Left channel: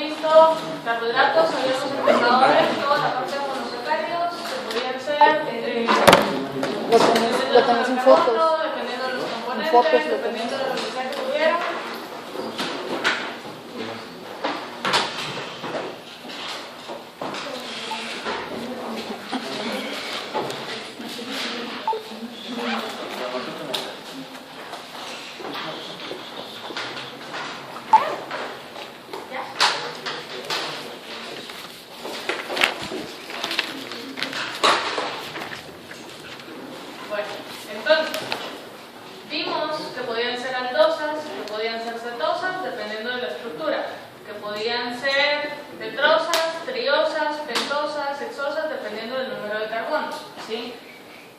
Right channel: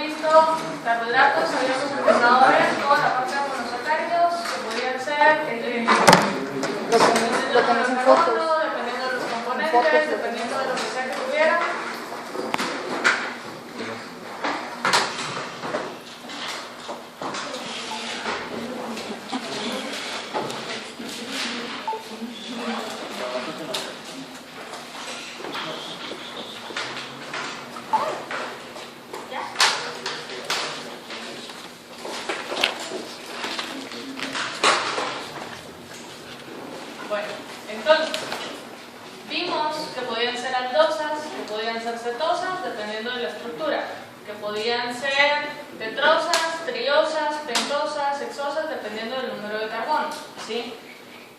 visto carbohidratos, habíamos empezado a ver toda la parte de monosacáridos, que podían ser lo que no son fotos, dependiendo de los componentes, dependiendo de lo que sea que tuviera.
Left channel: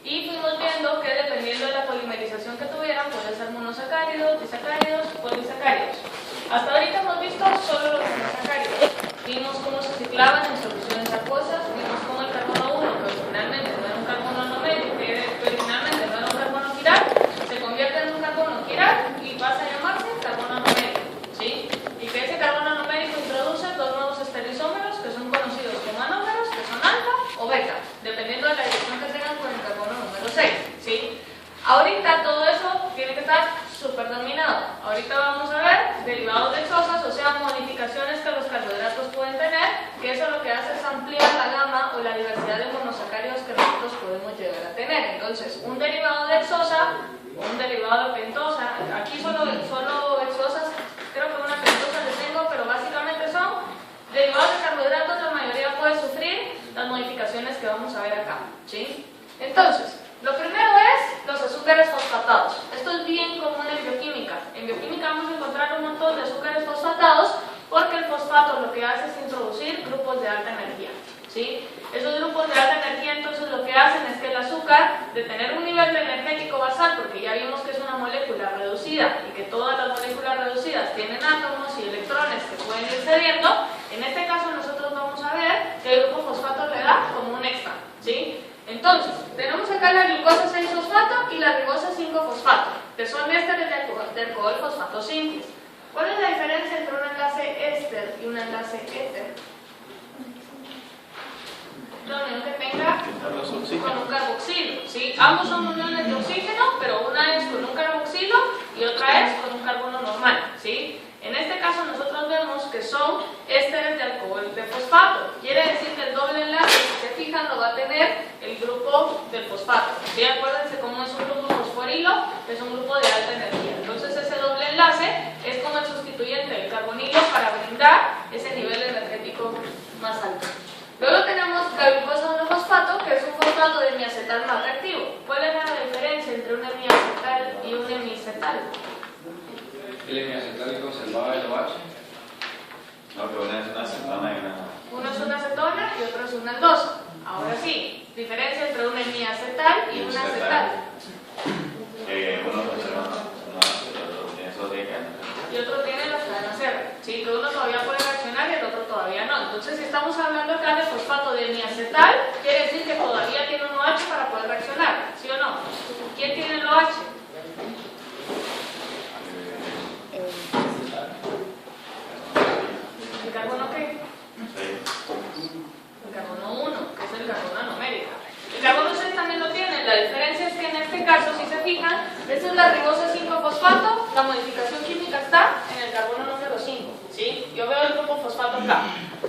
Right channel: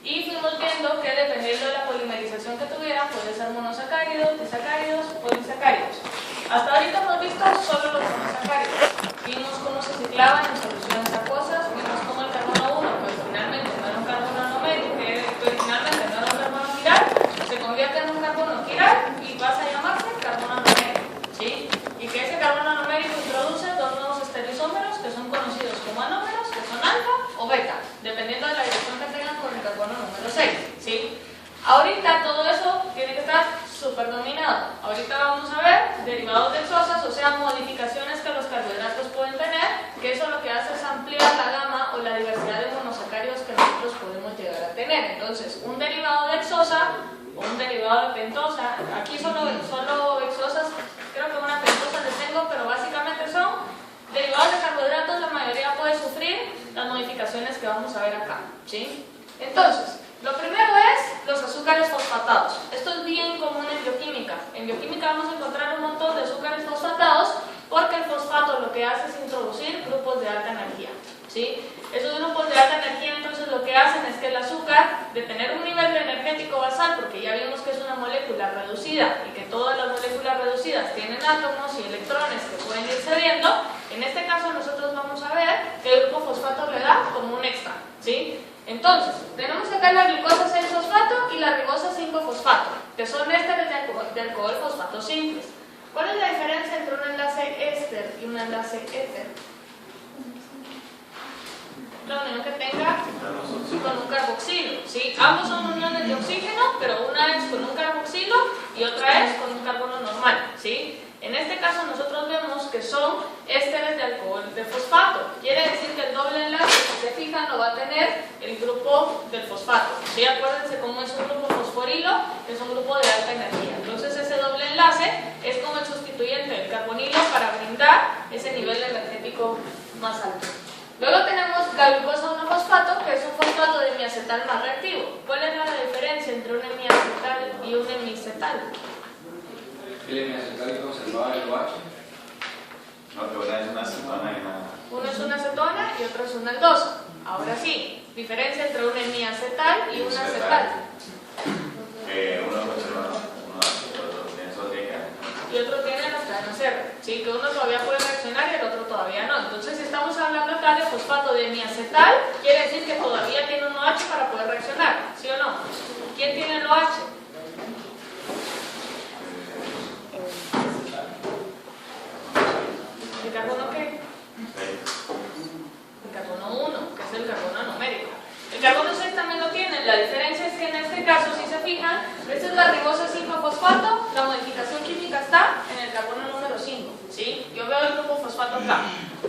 Y fuimos viendo que dependiendo de la polimerización que tuviera, puede ser monosacáridos, disacáridos, polisacáridos. Hasta ahorita hemos visto solo los monosacáridos. Vimos cómo se ciclaban en soluciones acuosas, vimos cómo el carbono 1, que originalmente no era un carbono anomérico, que originalmente no era un carbono quiral, se convierte en un carbono quiral y pasa a llamarse carbono anomérico, ¿sí? Y que ese carbono anomérico introduce dos nuevos estereoisómeros que son conocidos como anómeros, que son alfa o beta, dependiendo de la dirección que tengan con el carbono número 6, ¿sí? Ahorita todo eso tiene que estar súper dominado. Ahorita vamos a ver derivados de exosas, o sea, modificaciones que los carbohidratos pueden tener, que eso lo que hace es ampliar la gama o la diversidad de monosacáridos que nosotros podemos llegar a tener. Entonces, un derivado de exosa o un derivado de pentosa, aquí solo exosas, creo que una pentosa les tengo, pero básicamente son derivados de carbohidratos. La mayoría puede sufrir las modificaciones que vamos a ver acá, ¿sí? Entonces, lo primero es los azúcares fosfatados. Esto es bien común en bioquímica. En bioquímica vamos a encontrar un montón de azúcares fosfatados porque el fosfato lo que hace es introducir grupos de alta energía, ¿sí? Esos grupos de alta energía entonces lo que hacen es que el azúcar, de tener un nivel energético basal, porque ya vimos que es una molécula reducida y que todas las moléculas reducidas tienen átomos y electrones que pueden ir cediendo, en este caso nosotros vamos a ver que el grupo fosfato le da como un extra, ¿sí? Entonces, tenemos acá la glucosa 6-fosfato y la ribosa 5-fosfato, que son ésteres de alcohol fosfato simples. ¿Cuál es la diferencia entre un enlace éster y un enlace éter? La unión que tenga con un carboxilo, ¿sí? Ambos son uniones de oxígeno, pero una es con un carboxilo y otra es con un carbono normal, ¿sí? En este caso nosotros vemos que son ésteres de alcohol de fosfato. Quiere decir que el doble enlace, si se fijan, lo va a tener el grupo del fosfato, ¿sí? Acuérdense cómo es un grupo fosforilo, es un grupo de alta energía. Entonces ese doble enlace es como el sustituyente del carbonilo para brindar ese nivel energético más alto. Luego tenemos la glucosa 1-fosfato, que es un fosfato de hemiacetal más reactivo. ¿Cuál es la diferencia entre un hemiacetal y un hemiacetal? ¿El hemiacetal es conservado el OH? No, pero una es una acetona y una... Uno es una acetona y otro es una aldosa. Ahora sí, diferencia entre un hemiacetal y un acetal. Uno conserva uno solo tiene cadena. Y otro tiene las cadenas R, ¿sí? Que uno todavía puede reaccionar y el otro todavía no. Entonces, si estamos hablando acá de fosfato de hemiacetal, quiere decir que todavía tiene un OH para poder reaccionar, ¿sí o no? ¿Quién tiene el OH? ¿El carbono qué? El carbono 1, que es el carbono anomérico. El carbono 6 también lo tiene. La diferencia es que en este caso, si se fijan, esta es la ribosa 5-fosfato, la modificación química está en el carbono número 5, ¿sí? Yo veo el grupo fosfato acá.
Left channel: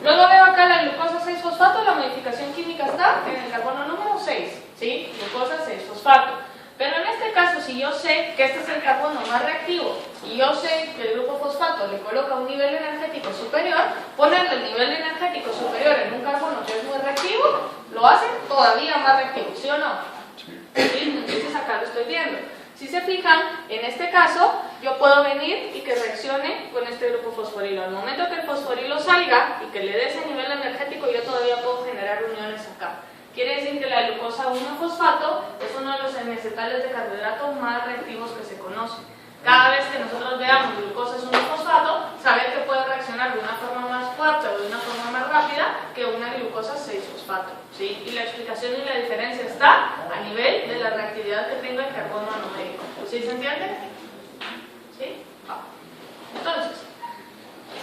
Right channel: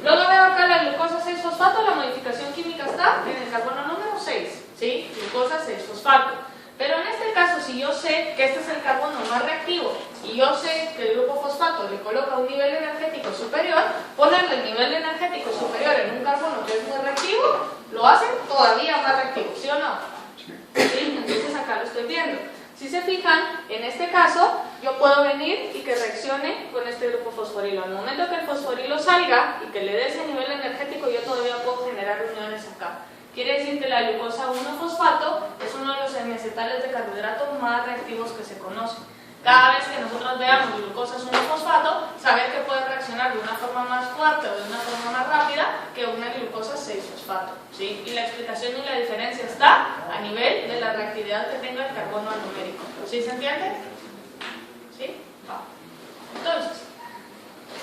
Luego veo acá la glucosa 6-fosfato, la modificación química está en el carbono número 6, ¿sí? Glucosa 6-fosfato. Pero en este caso, si yo sé que este es el carbono más reactivo y yo sé que el grupo fosfato le coloca un nivel energético superior, ponerle el nivel energético superior en un carbono que es muy reactivo, lo hace todavía más reactivo, ¿sí o no? ¿Sí? Entonces acá lo estoy viendo. Si se fijan, en este caso, yo puedo venir y que reaccione con este grupo fosforilo. Al momento que el fosforilo salga y que le dé ese nivel energético, yo todavía puedo generar uniones acá. Quiere decir que la glucosa 1-fosfato es uno de los hemiacetales de carbohidrato más reactivos que se conocen. Cada vez que nosotros veamos glucosas 1-fosfato, saber que puede reaccionar de una forma más fuerte o de una forma más rápida que una glucosa 6-fosfato, ¿sí? Y la explicación y la diferencia está a nivel de la reactividad que tenga el carbono anomérico. ¿Sí se entiende? ¿Sí? Va. Entonces,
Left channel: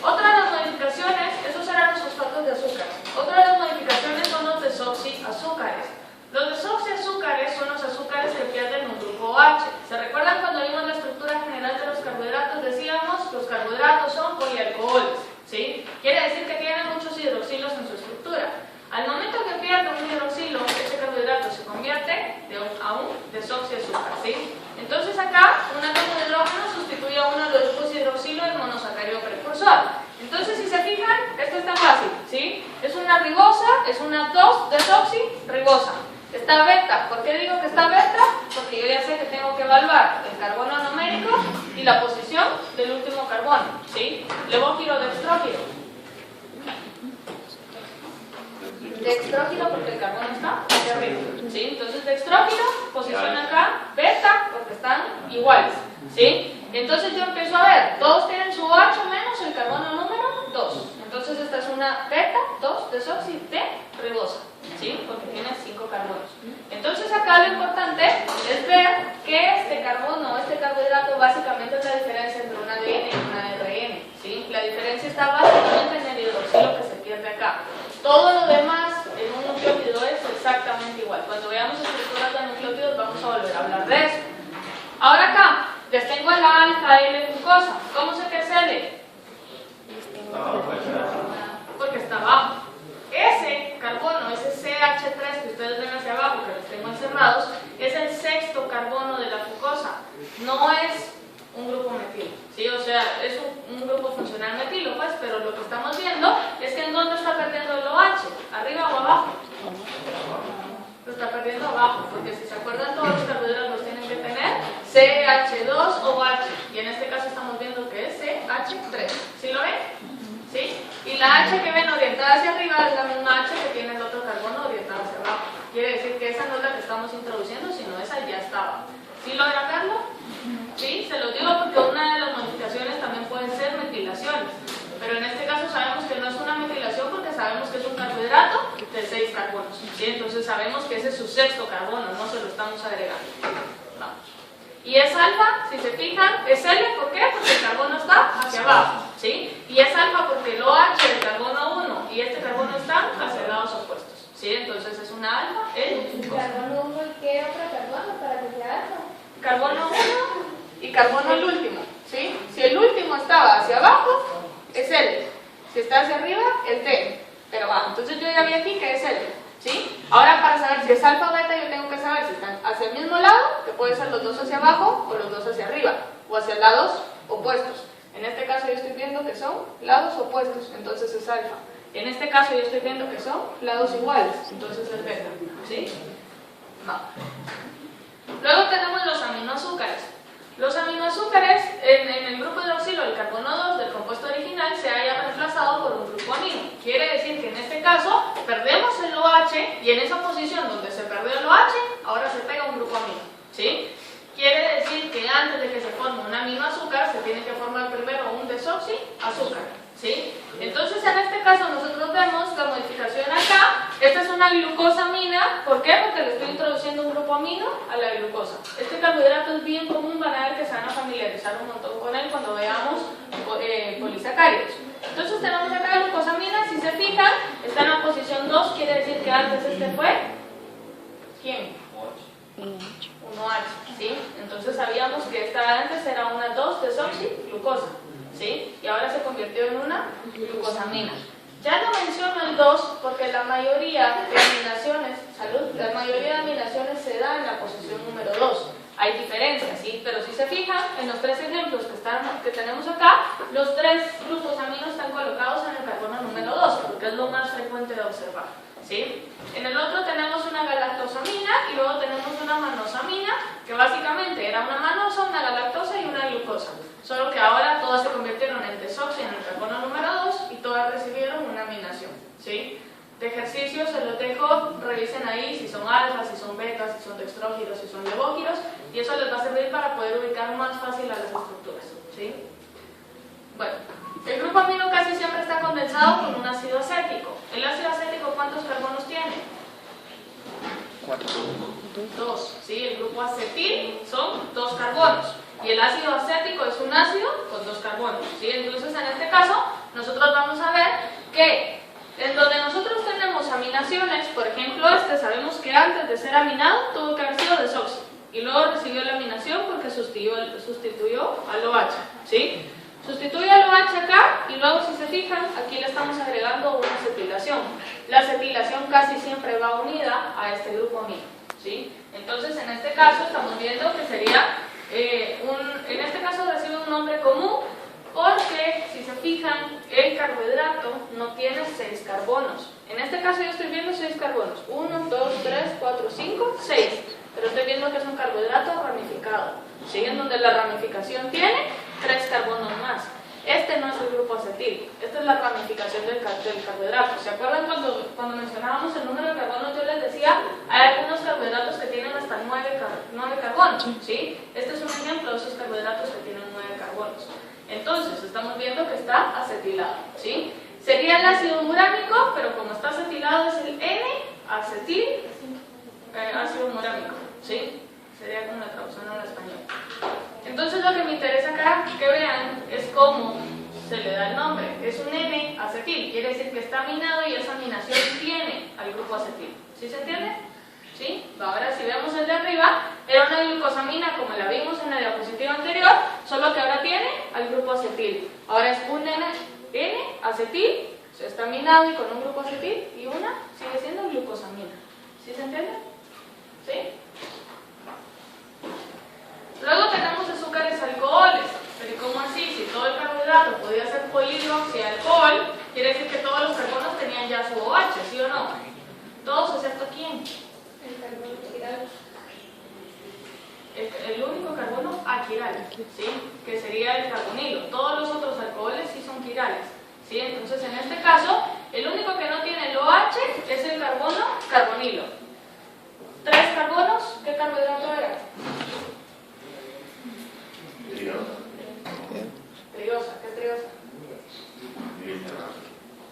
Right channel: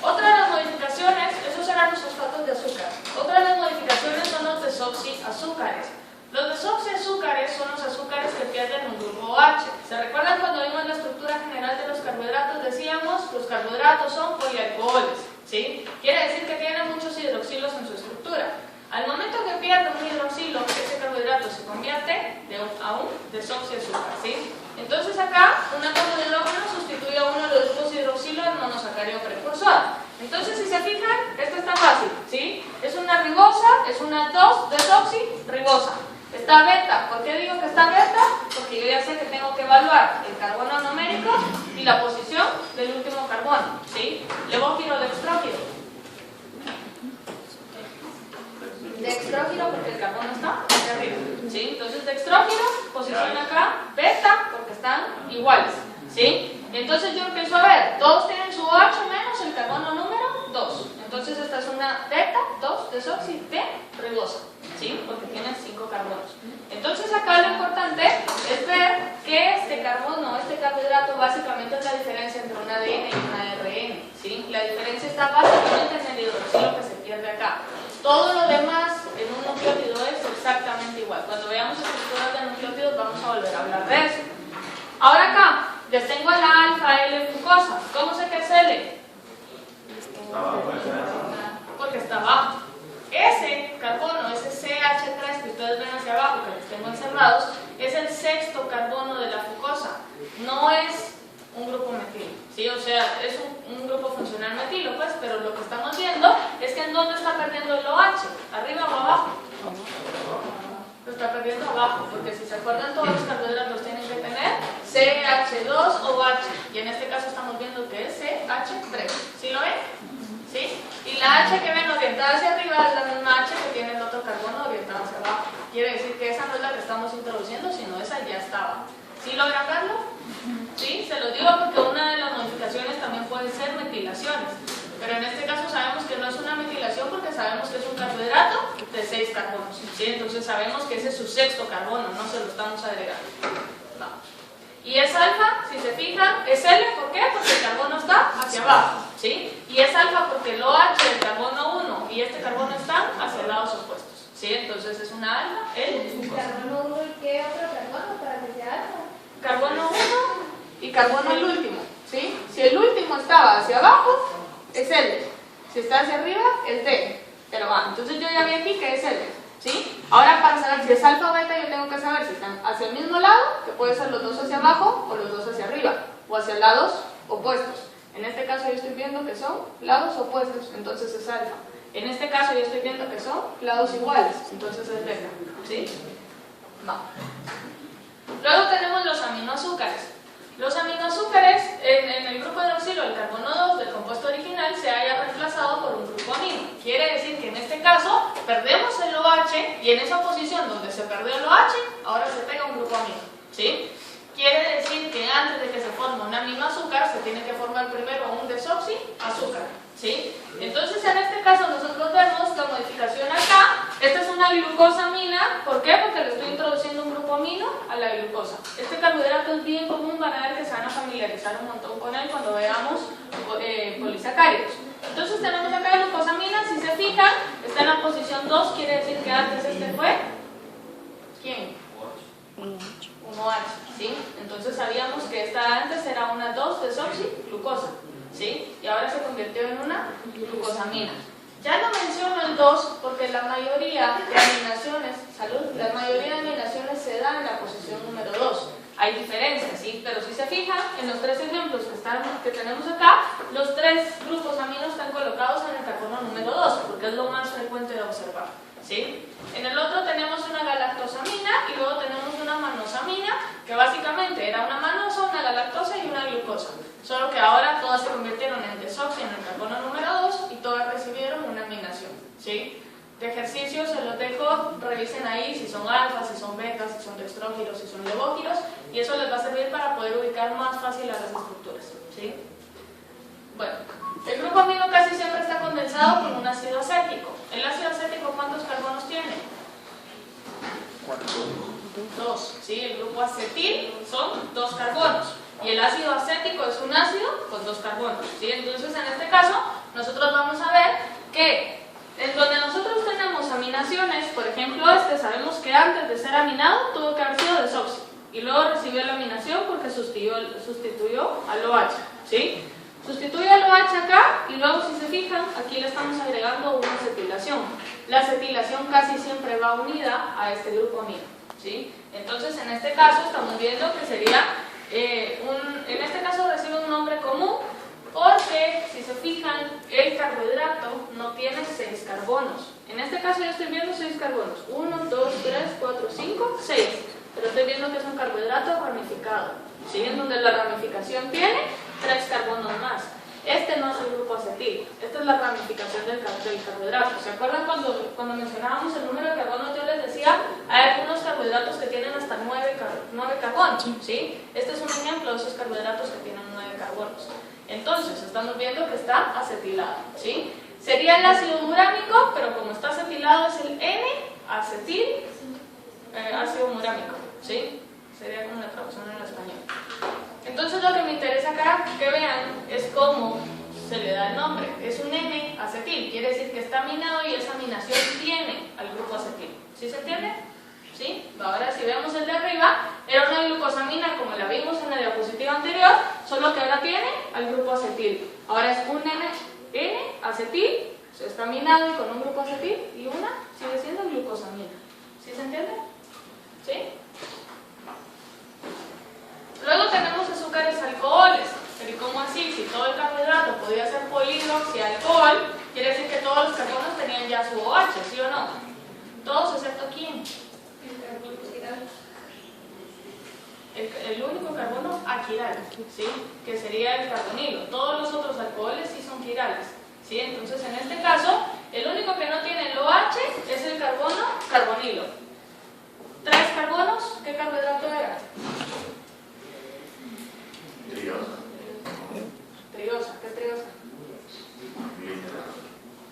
otra de las modificaciones carbohidratos son polialcoholes, ¿sí? Quiere decir que tienen muchos hidroxilos en su estructura. Al momento que pierde un hidroxilo, ese carbohidrato se convierte a un desoxiazúcar, ¿sí? Entonces acá, un átomo de hidrógeno sustituye a uno de los grupos hidroxilo del monosacárido precursor. Entonces, si se fijan, esto está fácil, ¿sí? Es una ribosa, es una 2-desoxirribosa. Está beta. ¿Por qué digo que está beta? Porque yo ya sé que tengo que evaluar el carbono numérico y la posición del último carbono, ¿sí? Levógiro, dextrógiro. Dextrógiro porque el carbono está hacia arriba, ¿sí? Entonces dextrógiro, posición acá, beta, porque están iguales, ¿sí? Entonces yo empiezo a ver, todos tienen su OH menos el carbono número 2. Entonces esta es una beta 2-desoxirribosa, ¿sí? Porque tiene 5 carbonos. Entonces acá lo importante es ver que este carbono, este carbohidrato, básicamente es la diferencia entre una ADN y una ARN, ¿sí? La diferencia está básicamente en el hidroxilo que se pierde acá. Todo lo demás en un nucleótido es exactamente igual. Cuando veamos estructuras de nucleótidos vamos a volver a hablar de eso. Ahora acá, les tengo el alfa L-glucosa. ¿Cómo sé que es L? Porque está abajo. Ese carbono, ese CH3 que ustedes ven hacia abajo, que los tengo encerrados, es el sexto carbono de la fucosa. No es un grupo metilo, ¿sí? O sea, es un grupo funcional metilo, pues, pero lo que estamos viendo es que en dónde está perdiendo el OH, arriba o abajo. Lo está perdiendo abajo, porque si se acuerdan todos los carbohidratos tienen que tener CH2OH, y en este caso estamos viendo que es CH3, ¿sí lo ven? ¿Sí? Y la H que ven orientada hacia arriba es la misma H que tiene el otro carbono orientado hacia abajo. Quiere decir que esa no es la que estamos introduciendo, sino esa ya estaba. ¿Sí logran verlo? ¿Sí? Se lo digo porque una de las modificaciones también pueden ser metilaciones. Pero en este caso sabemos que no es una metilación porque sabemos que es un carbohidrato de 6 carbonos. ¿Sí? Entonces sabemos que ese es su sexto carbono, no se lo estamos agregando. Vamos. Y es alfa, si se fijan, es L, ¿por qué? Porque el carbono está hacia abajo, ¿sí? Y es alfa porque el OH, el carbono 1 y este carbono están hacia lados opuestos, ¿sí? Entonces es una alfa, ¿Carbono 1 y qué otro carbono para que sea alfa? Carbono 1 y carbono el último, ¿sí? Si el último estaba hacia abajo, es L. Si está hacia arriba, el T. Pero va, entonces yo ya vi aquí que es L. ¿Sí? Ahora para saber si es alfa o beta yo tengo que saber si están hacia el mismo lado, que puede ser los dos hacia abajo o los dos hacia arriba, o hacia lados opuestos. En este caso yo estoy viendo que son lados opuestos, entonces es alfa. En este caso yo estoy viendo que son lados iguales, entonces es beta. ¿Sí? No. Luego tenemos los aminoazúcares. Los aminoazúcares, en el grupo hidroxilo del carbono 2 del compuesto original se haya reemplazado por un grupo amino. Quiere decir que en este caso perdemos el OH y en esa posición donde se perdió el OH, ahora se pega un grupo amino. ¿Sí? Quiere decir que antes de que se forme un aminoazúcar se tiene que formar primero un desoxiazúcar. ¿Sí? Entonces en este caso nosotros vemos la modificación acá. Esta es una glucosamina. ¿Por qué? Porque le estoy introduciendo un grupo amino a la glucosa. Este carbohidrato es bien común, van a ver que se van a familiarizar un montón con él cuando veamos polisacáridos. Entonces tenemos acá glucosamina, si se fijan, está en la posición 2, quiere decir que antes este fue ¿quién? Un OH, ¿sí? Entonces sabíamos que esta antes era una 2-desoxiglucosa, ¿sí? Y ahora se convirtió en una glucosamina. Ya no menciono el 2 porque la mayoría de aminaciones, la mayoría de aminaciones se da en la posición número 2. Hay diferencias, ¿sí? Pero si se fijan, en los tres ejemplos que tenemos acá, los tres grupos aminos están colocados en el carbono número 2, porque es lo más frecuente de observar, ¿sí? En el otro tenemos una galactosamina y luego tenemos una manosamina, que básicamente era una manosa, una galactosa y una glucosa. Solo que ahora todas se convirtieron en desoxi en el carbono número 2 y todas recibieron una aminación, ¿sí? De ejercicio se los dejo, revisen ahí si son alfa, si son betas, si son dextrógiros, si son levógiros, y eso les va a servir para poder ubicar más fácil a las estructuras, ¿sí? Bueno, el grupo amino casi siempre está condensado con un ácido acético. ¿El ácido acético cuántos carbonos tiene? 2, ¿sí? El grupo acetil son 2 carbonos. Y el ácido acético es un ácido con 2 carbonos, ¿sí? Entonces, en este caso, nosotros vamos a ver que en donde nosotros tenemos aminaciones, por ejemplo sabemos que antes de ser aminado tuvo que haber sido desoxi y luego recibió la aminación porque sustituyó al OH, ¿sí? Sustituye el OH acá y luego si se fijan, aquí le estamos agregando una acetilación. La acetilación casi siempre va unida a este grupo amino, ¿sí? Entonces en este caso estamos viendo que sería, en este caso recibe un nombre común porque si se fijan el carbohidrato no tiene 6 carbonos. En este caso yo estoy viendo 6 carbonos, 1, 2, 3, 4, 5, 6. Pero estoy viendo que es un carbohidrato ramificado, ¿sí? En donde la ramificación tiene 3 carbonos más. Este no es el grupo acetil, esta es la ramificación del carbohidrato. ¿Se acuerdan cuando mencionábamos el número de carbonos? Yo les decía, hay algunos carbohidratos que tienen hasta 9 carbonos, ¿sí? Este es un ejemplo de esos carbohidratos que tienen 9 carbonos. Entonces, estamos viendo que está acetilado, ¿sí? Sería el ácido murámico, pero como está acetilado es el N-acetil ácido murámico, ¿sí? Sería como la traducción en español. Entonces lo que me interesa acá que vean es cómo se le da el nombre. Es un N-acetil, quiere decir que está aminado y esa aminación tiene al grupo acetil. ¿Sí se entiende? ¿Sí? Ahora si vemos el de arriba, era una glucosamina como la vimos en la diapositiva anterior, solo que ahora tiene al grupo acetil. Ahora es un N-acetil, está aminado y con un grupo acetil, y una sigue siendo glucosamina. ¿Sí se entiende? ¿Sí? Luego tenemos azúcares alcoholes. Pero ¿cómo así? Si todo el carbohidrato podía ser polihidroxialcohol, quiere decir que todos los carbonos tenían ya su OH, ¿sí o no? Todos excepto ¿quién? El carbono quiral. El único carbono aquiral, ¿sí? Que sería el carbonilo. Todos los otros alcoholes sí son quirales, ¿sí? Entonces en este caso, el único que no tiene el OH es el carbonilo. 3 carbonos, ¿qué carbohidrato era? Triosa, ¿qué triosa?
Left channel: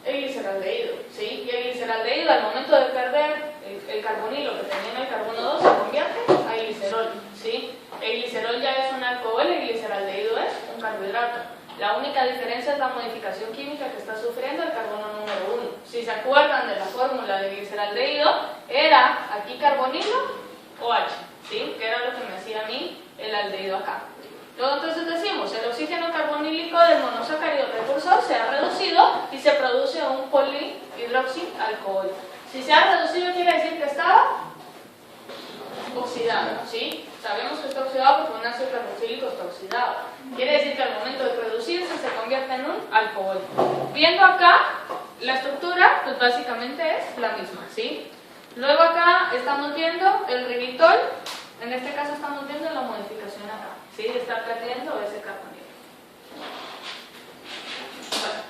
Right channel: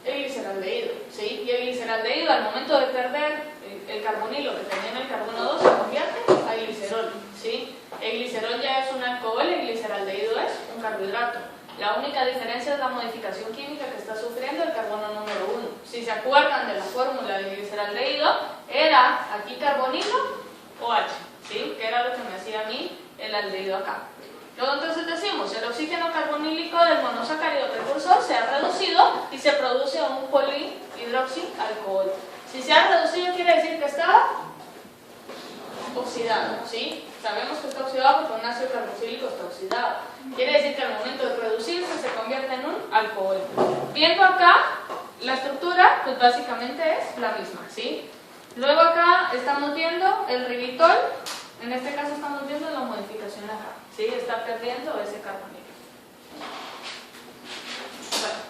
El gliceraldehído, ¿sí? Y el gliceraldehído al momento de perder el carbonilo que tenía en el carbono 2 se convierte a glicerol, ¿sí? El glicerol ya es un alcohol, el gliceraldehído es un carbohidrato. La única diferencia es la modificación química que está sufriendo el carbono número 1. Si se acuerdan de la fórmula del gliceraldehído, era aquí carbonilo OH, ¿sí? Que era lo que me hacía a mí el aldehído acá. Luego entonces decimos, el oxígeno carbonílico del monosacárido precursor se ha reducido y se produce un polihidroxialcohol. Si se ha reducido quiere decir que estaba oxidado, ¿sí? Sabemos que está oxidado porque un ácido carboxílico está oxidado. Quiere decir que al momento de reducirse se convierte en un alcohol. Viendo acá, la estructura pues básicamente es la misma, ¿sí? Luego acá estamos viendo el ribitol, en este caso estamos viendo la modificación acá. ¿Sí? Está perdiendo ese carbonilo. Bueno.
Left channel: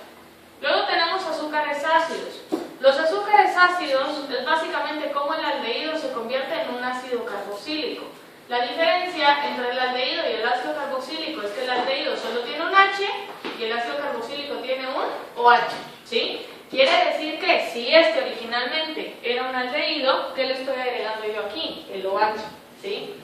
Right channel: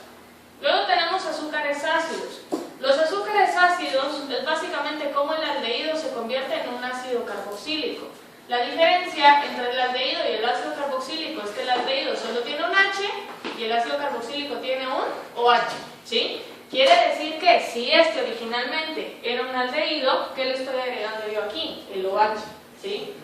Luego tenemos azúcares ácidos. Los azúcares ácidos es básicamente cómo el aldehído se convierte en un ácido carboxílico. La diferencia entre el aldehído y el ácido carboxílico es que el aldehído solo tiene un H y el ácido carboxílico tiene un OH, ¿sí? Quiere decir que si este originalmente era un aldehído, ¿qué le estoy agregando yo aquí? El OH, ¿sí?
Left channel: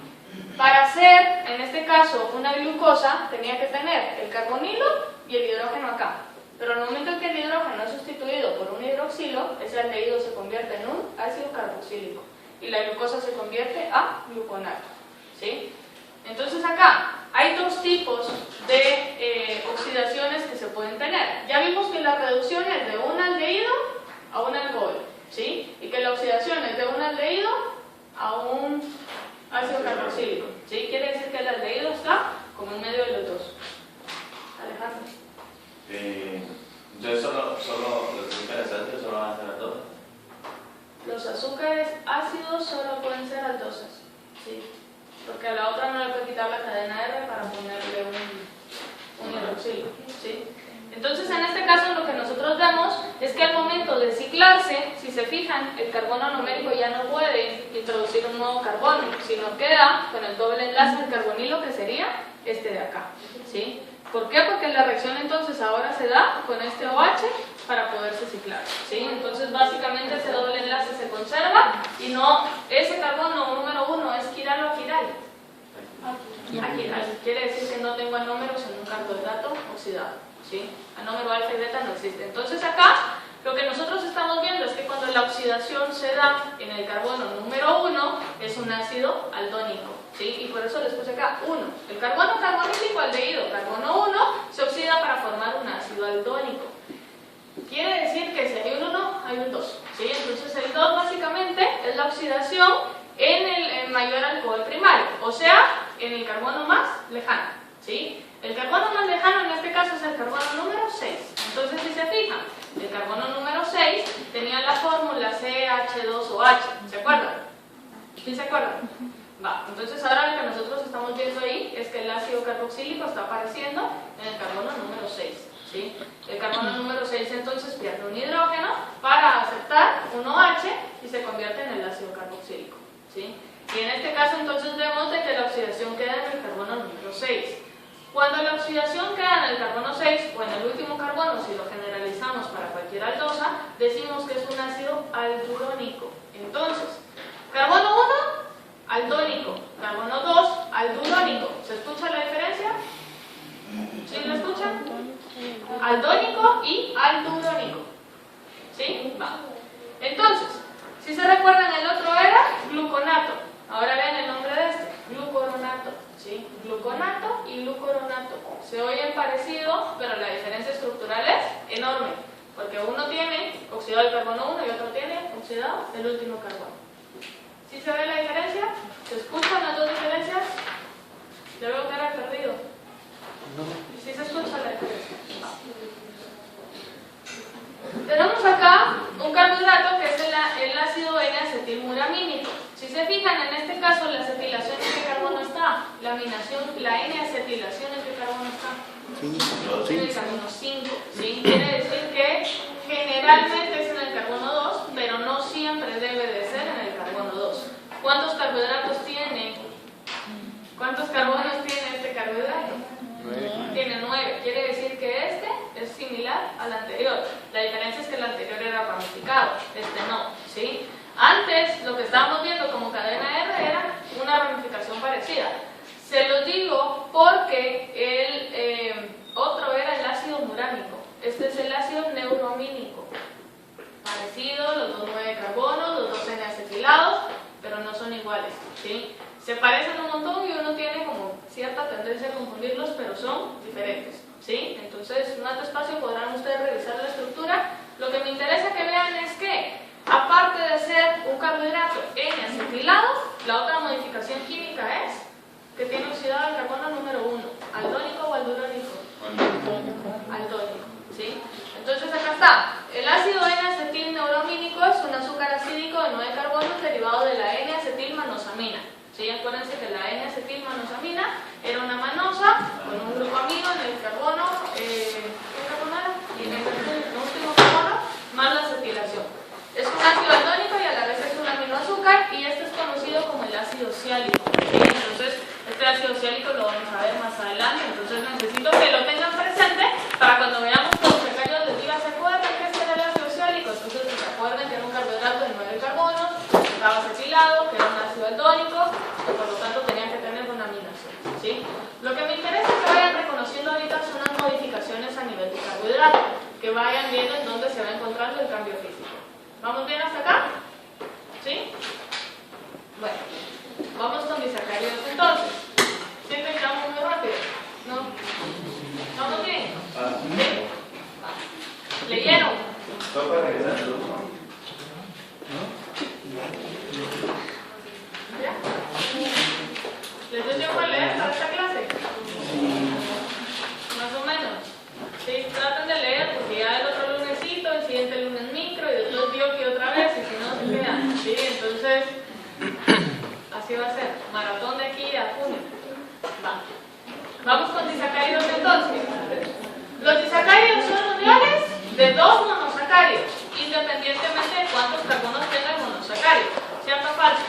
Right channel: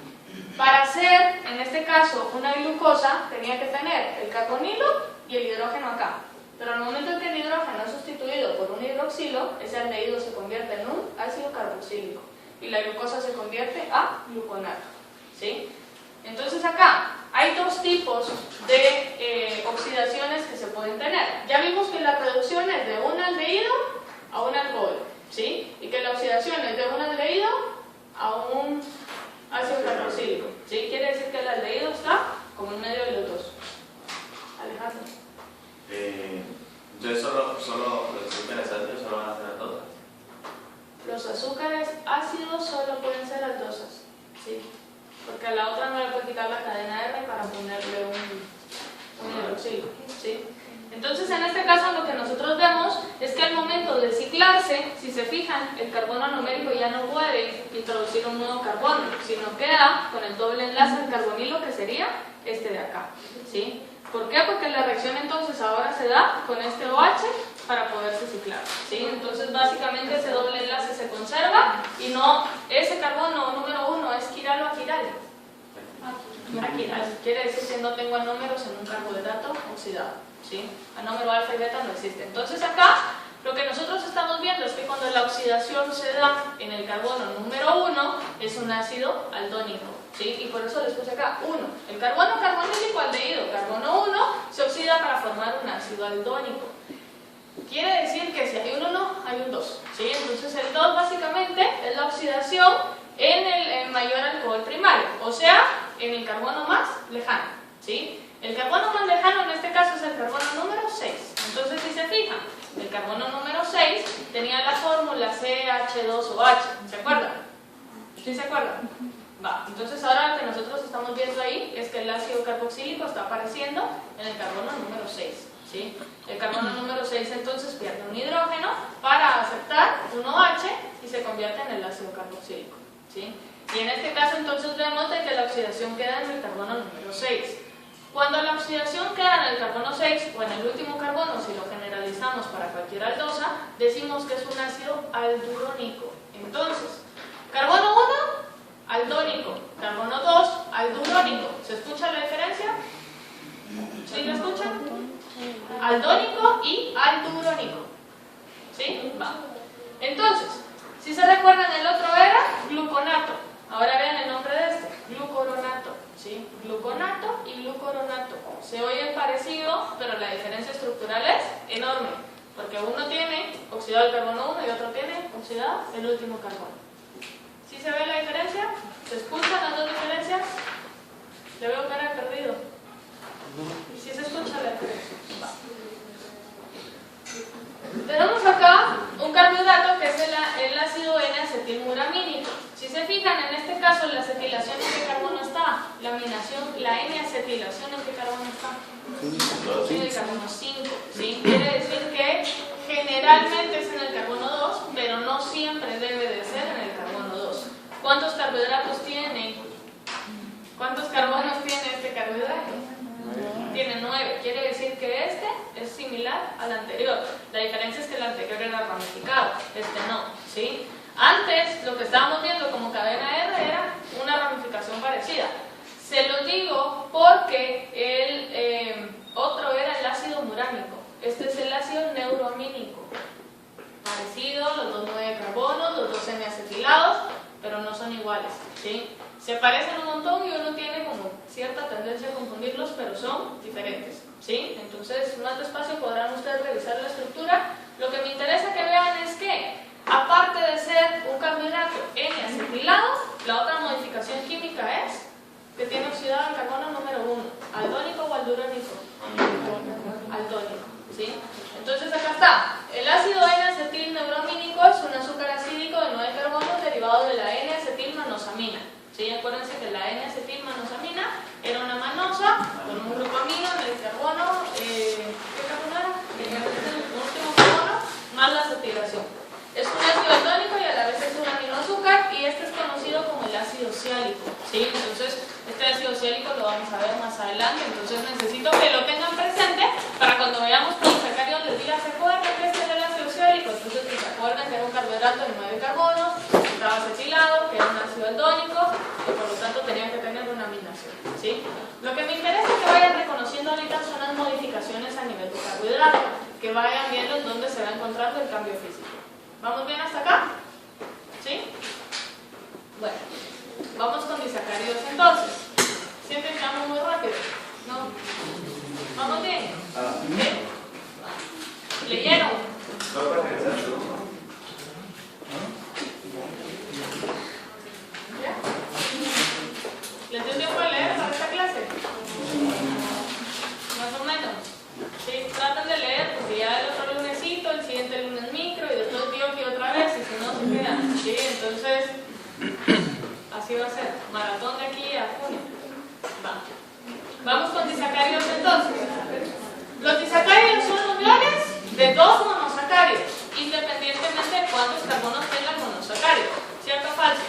Para hacer, en este caso, una glucosa, tenía que tener el carbonilo y el hidrógeno acá. Pero al momento en que el hidrógeno es sustituido por un hidroxilo, ese aldehído se convierte en un ácido carboxílico. Y la glucosa se convierte a gluconato, ¿sí? Entonces acá hay 2 tipos de oxidaciones que se pueden tener. Ya vimos que la reducción es de un aldehído a un alcohol, ¿sí? Y que la oxidación es de un aldehído a un ácido carboxílico, ¿sí? Quiere decir que el aldehído está como en medio de los dos. Alejandro. Entonces los azúcares ácidos solo van a ser aldosas. Los azúcares ácidos solo pueden ser aldosas, ¿sí? Porque a la otra no le puede quitar la cadena R para ponerle un hidroxilo, ¿sí? Entonces en este caso lo que nosotros vemos es que al momento de ciclarse, si se fijan, el carbono numérico ya no puede introducir un nuevo carbono, sino queda con el doble enlace del carbonilo que sería este de acá, ¿sí? ¿Por qué? Porque la reacción entonces ahora se da con este OH para poderse ciclar, ¿sí? Entonces básicamente ese doble enlace se conserva y no, ese carbono número 1 es quiral o aquiral. Aquiral, quiere decir que no tengo anómeros en un carbohidrato oxidado, ¿sí? Anómero alfa y beta no existe. Entonces acá lo que nosotros estamos viendo es que cuando la oxidación se da en el carbono número 1 es un ácido aldónico. ¿sí? Y por eso les puse acá 1. El carbono carbonílico aldehído, carbono 1, se oxida para formar un ácido aldónico. Quiere decir que si hay un 1, hay un 2, ¿sí? Entonces el 2 básicamente es la oxidación en el mayor alcohol primario, o sea, en el carbono más lejano, ¿sí? El carbono más lejano en este caso es el carbono número 6. Entonces, si se fijan, el carbono número 6 tenía la fórmula CH2OH, ¿se acuerdan? ¿Sí se acuerdan? Va, entonces ahora lo que nosotros estamos viendo ahí es que el ácido carboxílico está apareciendo en el carbono número 6, ¿sí? El carbono número 6 entonces pierde un hidrógeno para aceptar un OH y se convierte en el ácido carboxílico, ¿sí? Y en este caso entonces vemos de que la oxidación queda en el carbono número 6. Cuando la oxidación queda en el carbono 6 o en el último carbono, si lo generalizamos para cualquier aldosa, decimos que es un ácido aldurónico. Entonces, carbono 1, aldónico, carbono 2, aldurónico. ¿Se escucha la diferencia? ¿Sí lo escuchan? Aldónico y aldurónico. ¿Sí? Va. Entonces, si se recuerdan, el otro era gluconato. Ahora vean el nombre de este, glucoronato. ¿Sí? Gluconato y glucoronato. Se oyen parecidos, pero la diferencia estructural es enorme. Porque uno tiene oxidado el carbono 1 y otro tiene oxidado el último carbono. ¿Sí se ve la diferencia? ¿Se escuchan las dos diferencias? Yo veo cara perdido. ¿Sí se escucha la diferencia? Va. Tenemos acá un carbohidrato que es el ácido N-acetilmuramínico. Si se fijan, en este caso la acetilación en qué carbono está, la N-acetilación en qué carbono está, en el carbono 5, ¿sí? Quiere decir que generalmente es en el carbono 2, pero no siempre debe de ser en el carbono 2. ¿Cuántos carbohidratos tiene? ¿Cuántos carbonos tiene este carbohidrato? Tiene 9, quiere decir que este es similar al anterior. La diferencia es que el anterior era ramificado, este no, ¿sí? Antes lo que estábamos viendo como cadena R era una ramificación parecida. Se los digo porque el otro era el ácido murámico, este es el ácido neuroamínico. Parecido, los dos 9 carbonos, los dos N-acetilados, pero no son iguales, ¿sí? Se parecen un montón y uno tiene como cierta tendencia a confundirlos, pero son diferentes, ¿sí? Entonces, más despacio podrán ustedes revisar la estructura. Lo que me interesa que vean es que, aparte de ser un carbohidrato N-acetilado, la otra modificación química es que tiene oxidado el carbono número 1, aldónico o aldurónico. Aldónico, ¿sí? Entonces acá está, el ácido N-acetilneuromínico es un azúcar acídico de 9 carbonos derivado de la N-acetilmanosamina. ¿Sí? Acuérdense que la N-acetilmanosamina era una manosa con un grupo amino en el carbono, ¿qué carbono era? En el último carbono, más la acetilación. Es un ácido aldónico y a la vez es un aminoazúcar y este es conocido como el ácido ciálico, ¿sí? Entonces, este ácido ciálico lo vamos a ver más adelante, entonces necesito que lo tengan presente para cuando veamos polisacáridos les diga, ¿se acuerdan que este era el ácido ciálico? Entonces, que se acuerden que era un carbohidrato de 9 carbonos, que estaba acetilado, que era un ácido aldónico, que por lo tanto tenía que tener una aminación, ¿sí? Lo que me interesa que vayan reconociendo ahorita son las modificaciones a nivel de carbohidrato, que vayan viendo en dónde se va encontrando el cambio físico. ¿Vamos bien hasta acá? ¿Sí? Bueno, vamos con disacáridos entonces. ¿Sienten que vamos muy rápido? ¿No? ¿Vamos bien? ¿Sí? ¿Leyeron? ¿Ya? ¿Les dio tiempo a leer para esta clase? Más o menos. Sí, traten de leer porque ya el otro lunesito, el siguiente lunes micro y después bioquio otra vez y si no se quedan. Sí, entonces así va a ser. Maratón de aquí a junio. Va. Vamos con disacáridos entonces. Los disacáridos son uniones de 2 monosacáridos, independientemente de cuántos carbonos tenga el monosacárido. ¿Cierto o falso?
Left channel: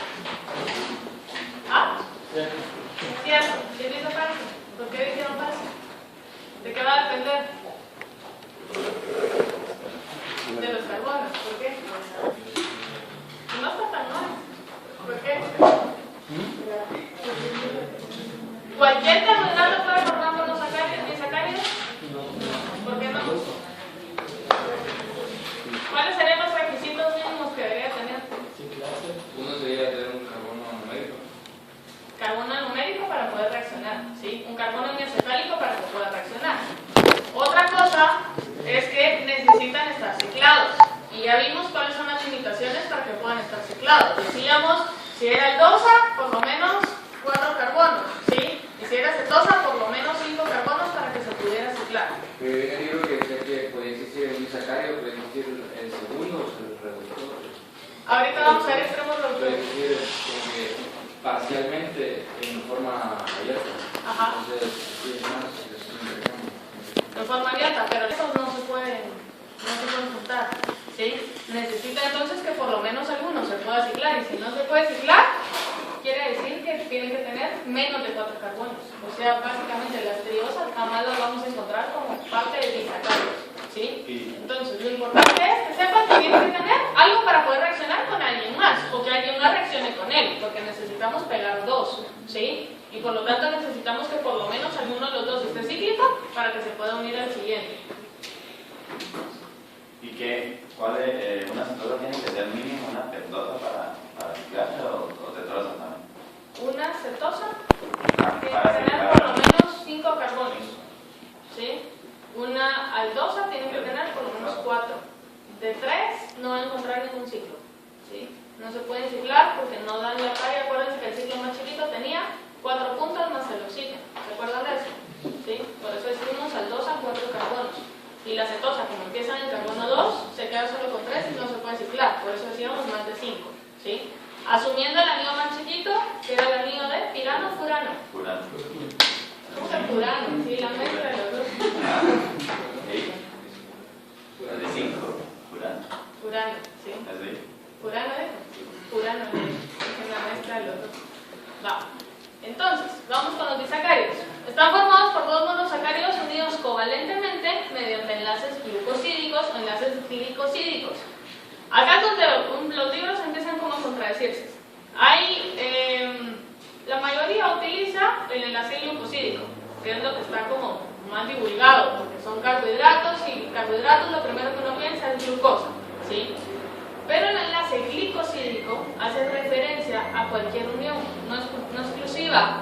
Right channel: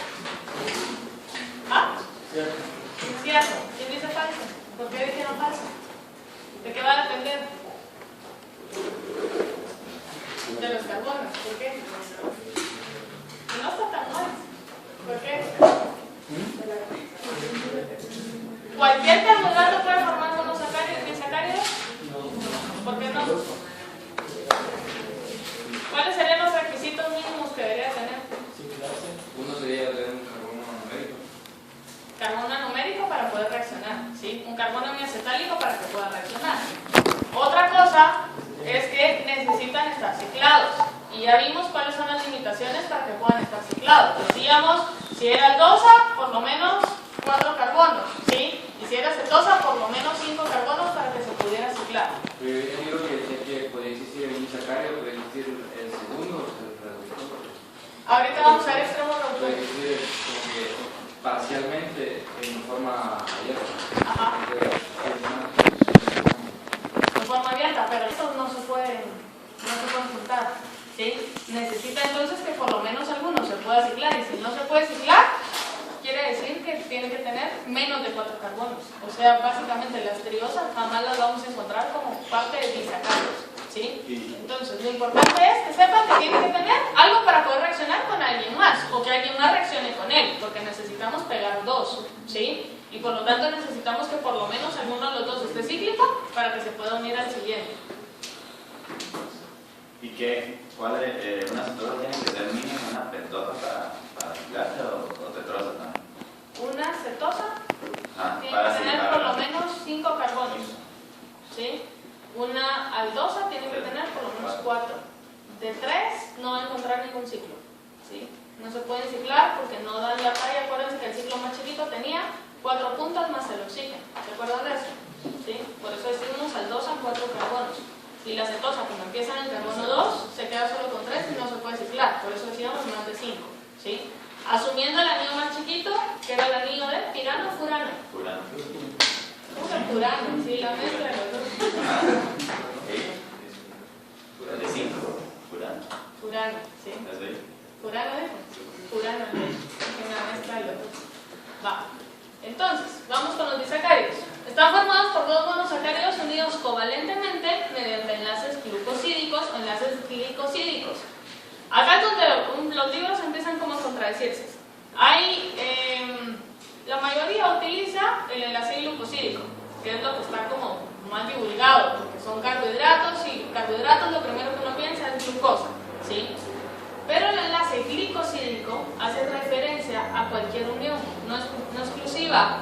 ¿Ah? Cierto. Cierto. ¿Quién dice falso? ¿Por qué dijeron falso? ¿De qué va a depender? De los carbonos. ¿Por qué? No está tan mal. ¿Por qué? ¿Cualquier carbohidrato puede formar monosacáridos y disacáridos? ¿Por qué no? ¿Cuáles serían los requisitos mínimos que debería tener? Uno sería tener un carbono numérico. Carbono ya vimos cuáles son las limitaciones para que puedan estar ciclados. Decíamos, si era aldosa, por lo menos 4 carbonos, ¿sí? Y si era cetosa, por lo menos 5 carbonos para que se pudiera ciclar. Yo digo que decía que podía existir el disacárido, podía existir el segundo, el reductor. Ahorita vamos a ver extremos Puede reductores. existir como que parcialmente en forma abierta. Ajá. Entonces, es más. De forma abierta, pero estos no se pueden juntar, ¿sí? Necesita entonces que por lo menos alguno se pueda ciclar, y si no se puede ciclar, quiere decir que tiene que tener menos de 4 carbonos. O sea, básicamente las triosas jamás las vamos a encontrar como parte de disacáridos, ¿sí? Entonces, lo importante es que sepan que tienen que tener algo para poder reaccionar con alguien más, o que alguien más reaccione con él, porque necesitamos pegar 2, ¿sí? Y por lo tanto necesitamos que por lo menos alguno de los dos esté cíclico para que se pueda unir al siguiente. ¿Y cuál es, una cetosa tiene que ser mínima, una pentosa para ciclarse o tetrosa también? Una cetosa tiene Para que tener ciclar. por lo menos 5 carbonos, ¿sí? Una aldosa tiene que tener por lo menos 4. De 3 no van a encontrar ningún ciclo, ¿sí? No se pueden ciclar porque no dan la talla. Acuérdense que el ciclo más chiquito tenía 4 puntas más el oxígeno. ¿Recuerdan de eso? ¿Sí? Por eso decimos aldosa 4 carbonos. Y la cetosa, como empieza en el carbono 2, se queda solo con 3 y no se puede ciclar. Por eso decíamos más de 5, ¿sí? Asumiendo el anillo más chiquito, que era el anillo de tirano furano. Furano. ¿Cómo que furano? Sí, la mezcla de los dos. Es de 5. Furano. Furano, ¿sí? Es de Furano, dijo. Furano, es la mezcla de los dos. Va. Entonces, vamos con los disacáridos. Están formados por 2 monosacáridos unidos covalentemente mediante enlaces glucosídicos o enlaces glicosídicos. Acá es donde los libros empiezan como a contradecirse. La mayoría utiliza el enlace glucosídico, que es lo que está como más divulgado, porque son carbohidratos, y carbohidratos lo primero que uno piensa es glucosa, ¿sí? Pero el enlace glicosídico hace referencia a cualquier unión, no exclusiva,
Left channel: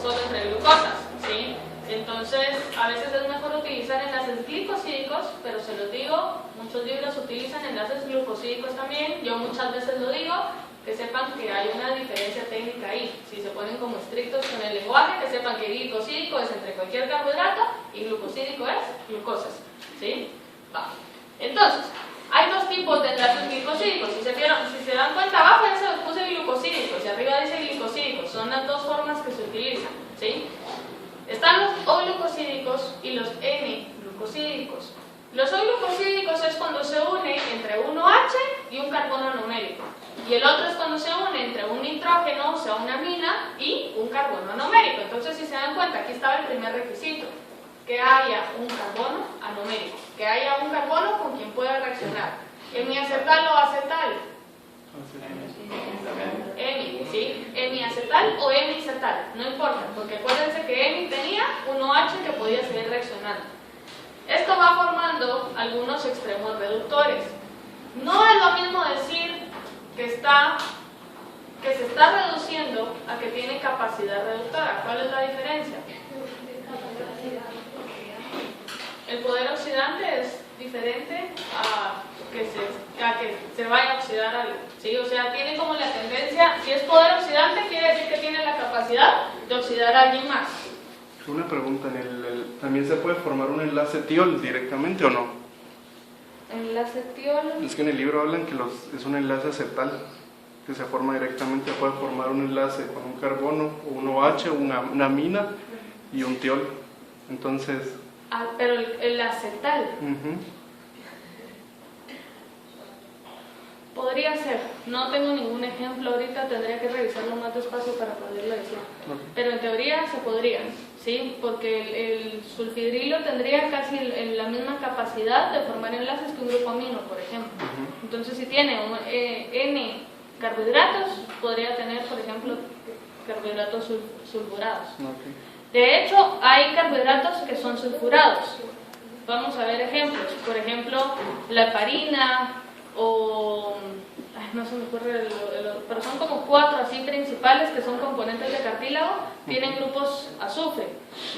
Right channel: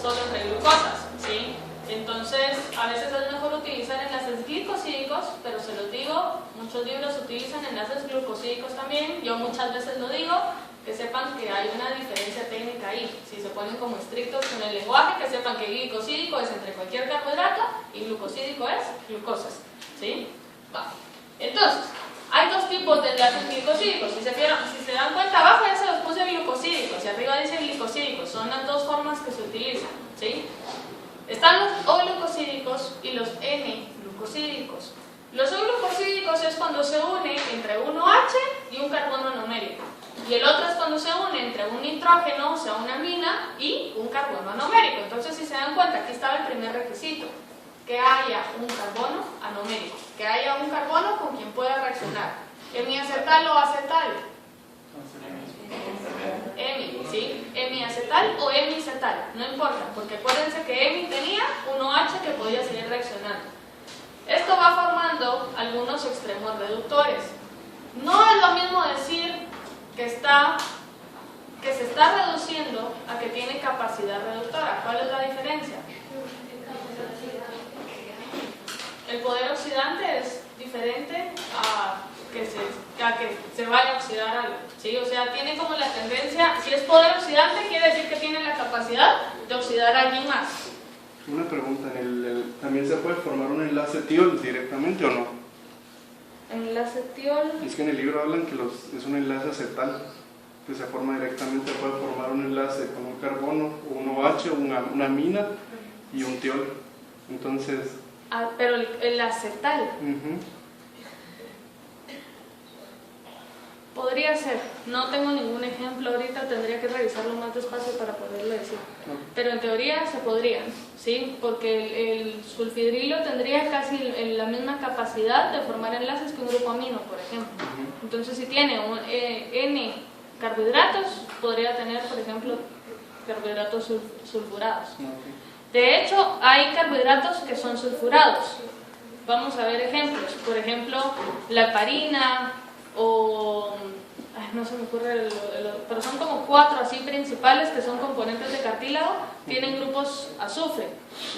solo entre glucosas, ¿sí? Entonces, a veces es mejor utilizar enlaces glicosídicos, pero se los digo, muchos libros utilizan enlaces glucosídicos también. Yo muchas veces lo digo, que sepan que hay una diferencia técnica ahí. Si se ponen como estrictos con el lenguaje, que sepan que glicosídico es entre cualquier carbohidrato y glucosídico es glucosas, ¿sí? Va. Entonces, hay 2 tipos de enlaces glicosídicos. Si se dan cuenta, abajo ya se los puse glucosídicos y arriba dice glicosídicos. Son las 2 formas que se utilizan, ¿sí? Están los O-glucosídicos y los N-glucosídicos. Los O-glucosídicos es cuando se une entre un OH y un carbono anomérico. Y el otro es cuando se une entre un nitrógeno, o sea, una amina, y un carbono anomérico. Entonces, si se dan cuenta, aquí estaba el primer requisito: que haya un carbono anomérico, que haya un carbono con quien pueda reaccionar. Hemiacetal o acetal. Hemi, ¿sí? Hemiacetal o hemicetal, no importa, porque acuérdense que hemi tenía un OH que podía seguir reaccionando. Esto va formando algunos extremos reductores. No es lo mismo decir que se está reduciendo a que tiene capacidad reductora. ¿Cuál es la diferencia? El poder oxidante es diferente a que se vaya a oxidar algo, ¿sí? O sea, tiene como la tendencia, si es poder oxidante, quiere decir que tiene la capacidad de oxidar a alguien más. Una pregunta, ¿también se puede formar un enlace tiol directamente o no? Enlace tiol. Es que en el libro hablan que es un enlace acetal que se forma directamente, puede formar un enlace con un carbono, un OH, una amina y un tiol. Entonces... pero el acetal. Podría ser, no tengo ningún ejemplo ahorita, tendría que revisarlo más despacio para poderlo decir. Pero en teoría se podría, ¿sí? Porque el sulfidrilo tendría casi la misma capacidad de formar enlaces que un grupo amino, por ejemplo. Entonces, si tiene N carbohidratos, podría tener, por ejemplo, carbohidratos sulfurados. De hecho, hay carbohidratos que son sulfurados. Vamos a ver ejemplos. Por ejemplo, la heparina o no se me ocurre pero son como 4 así principales que son componentes de cartílago, tienen grupos azufre.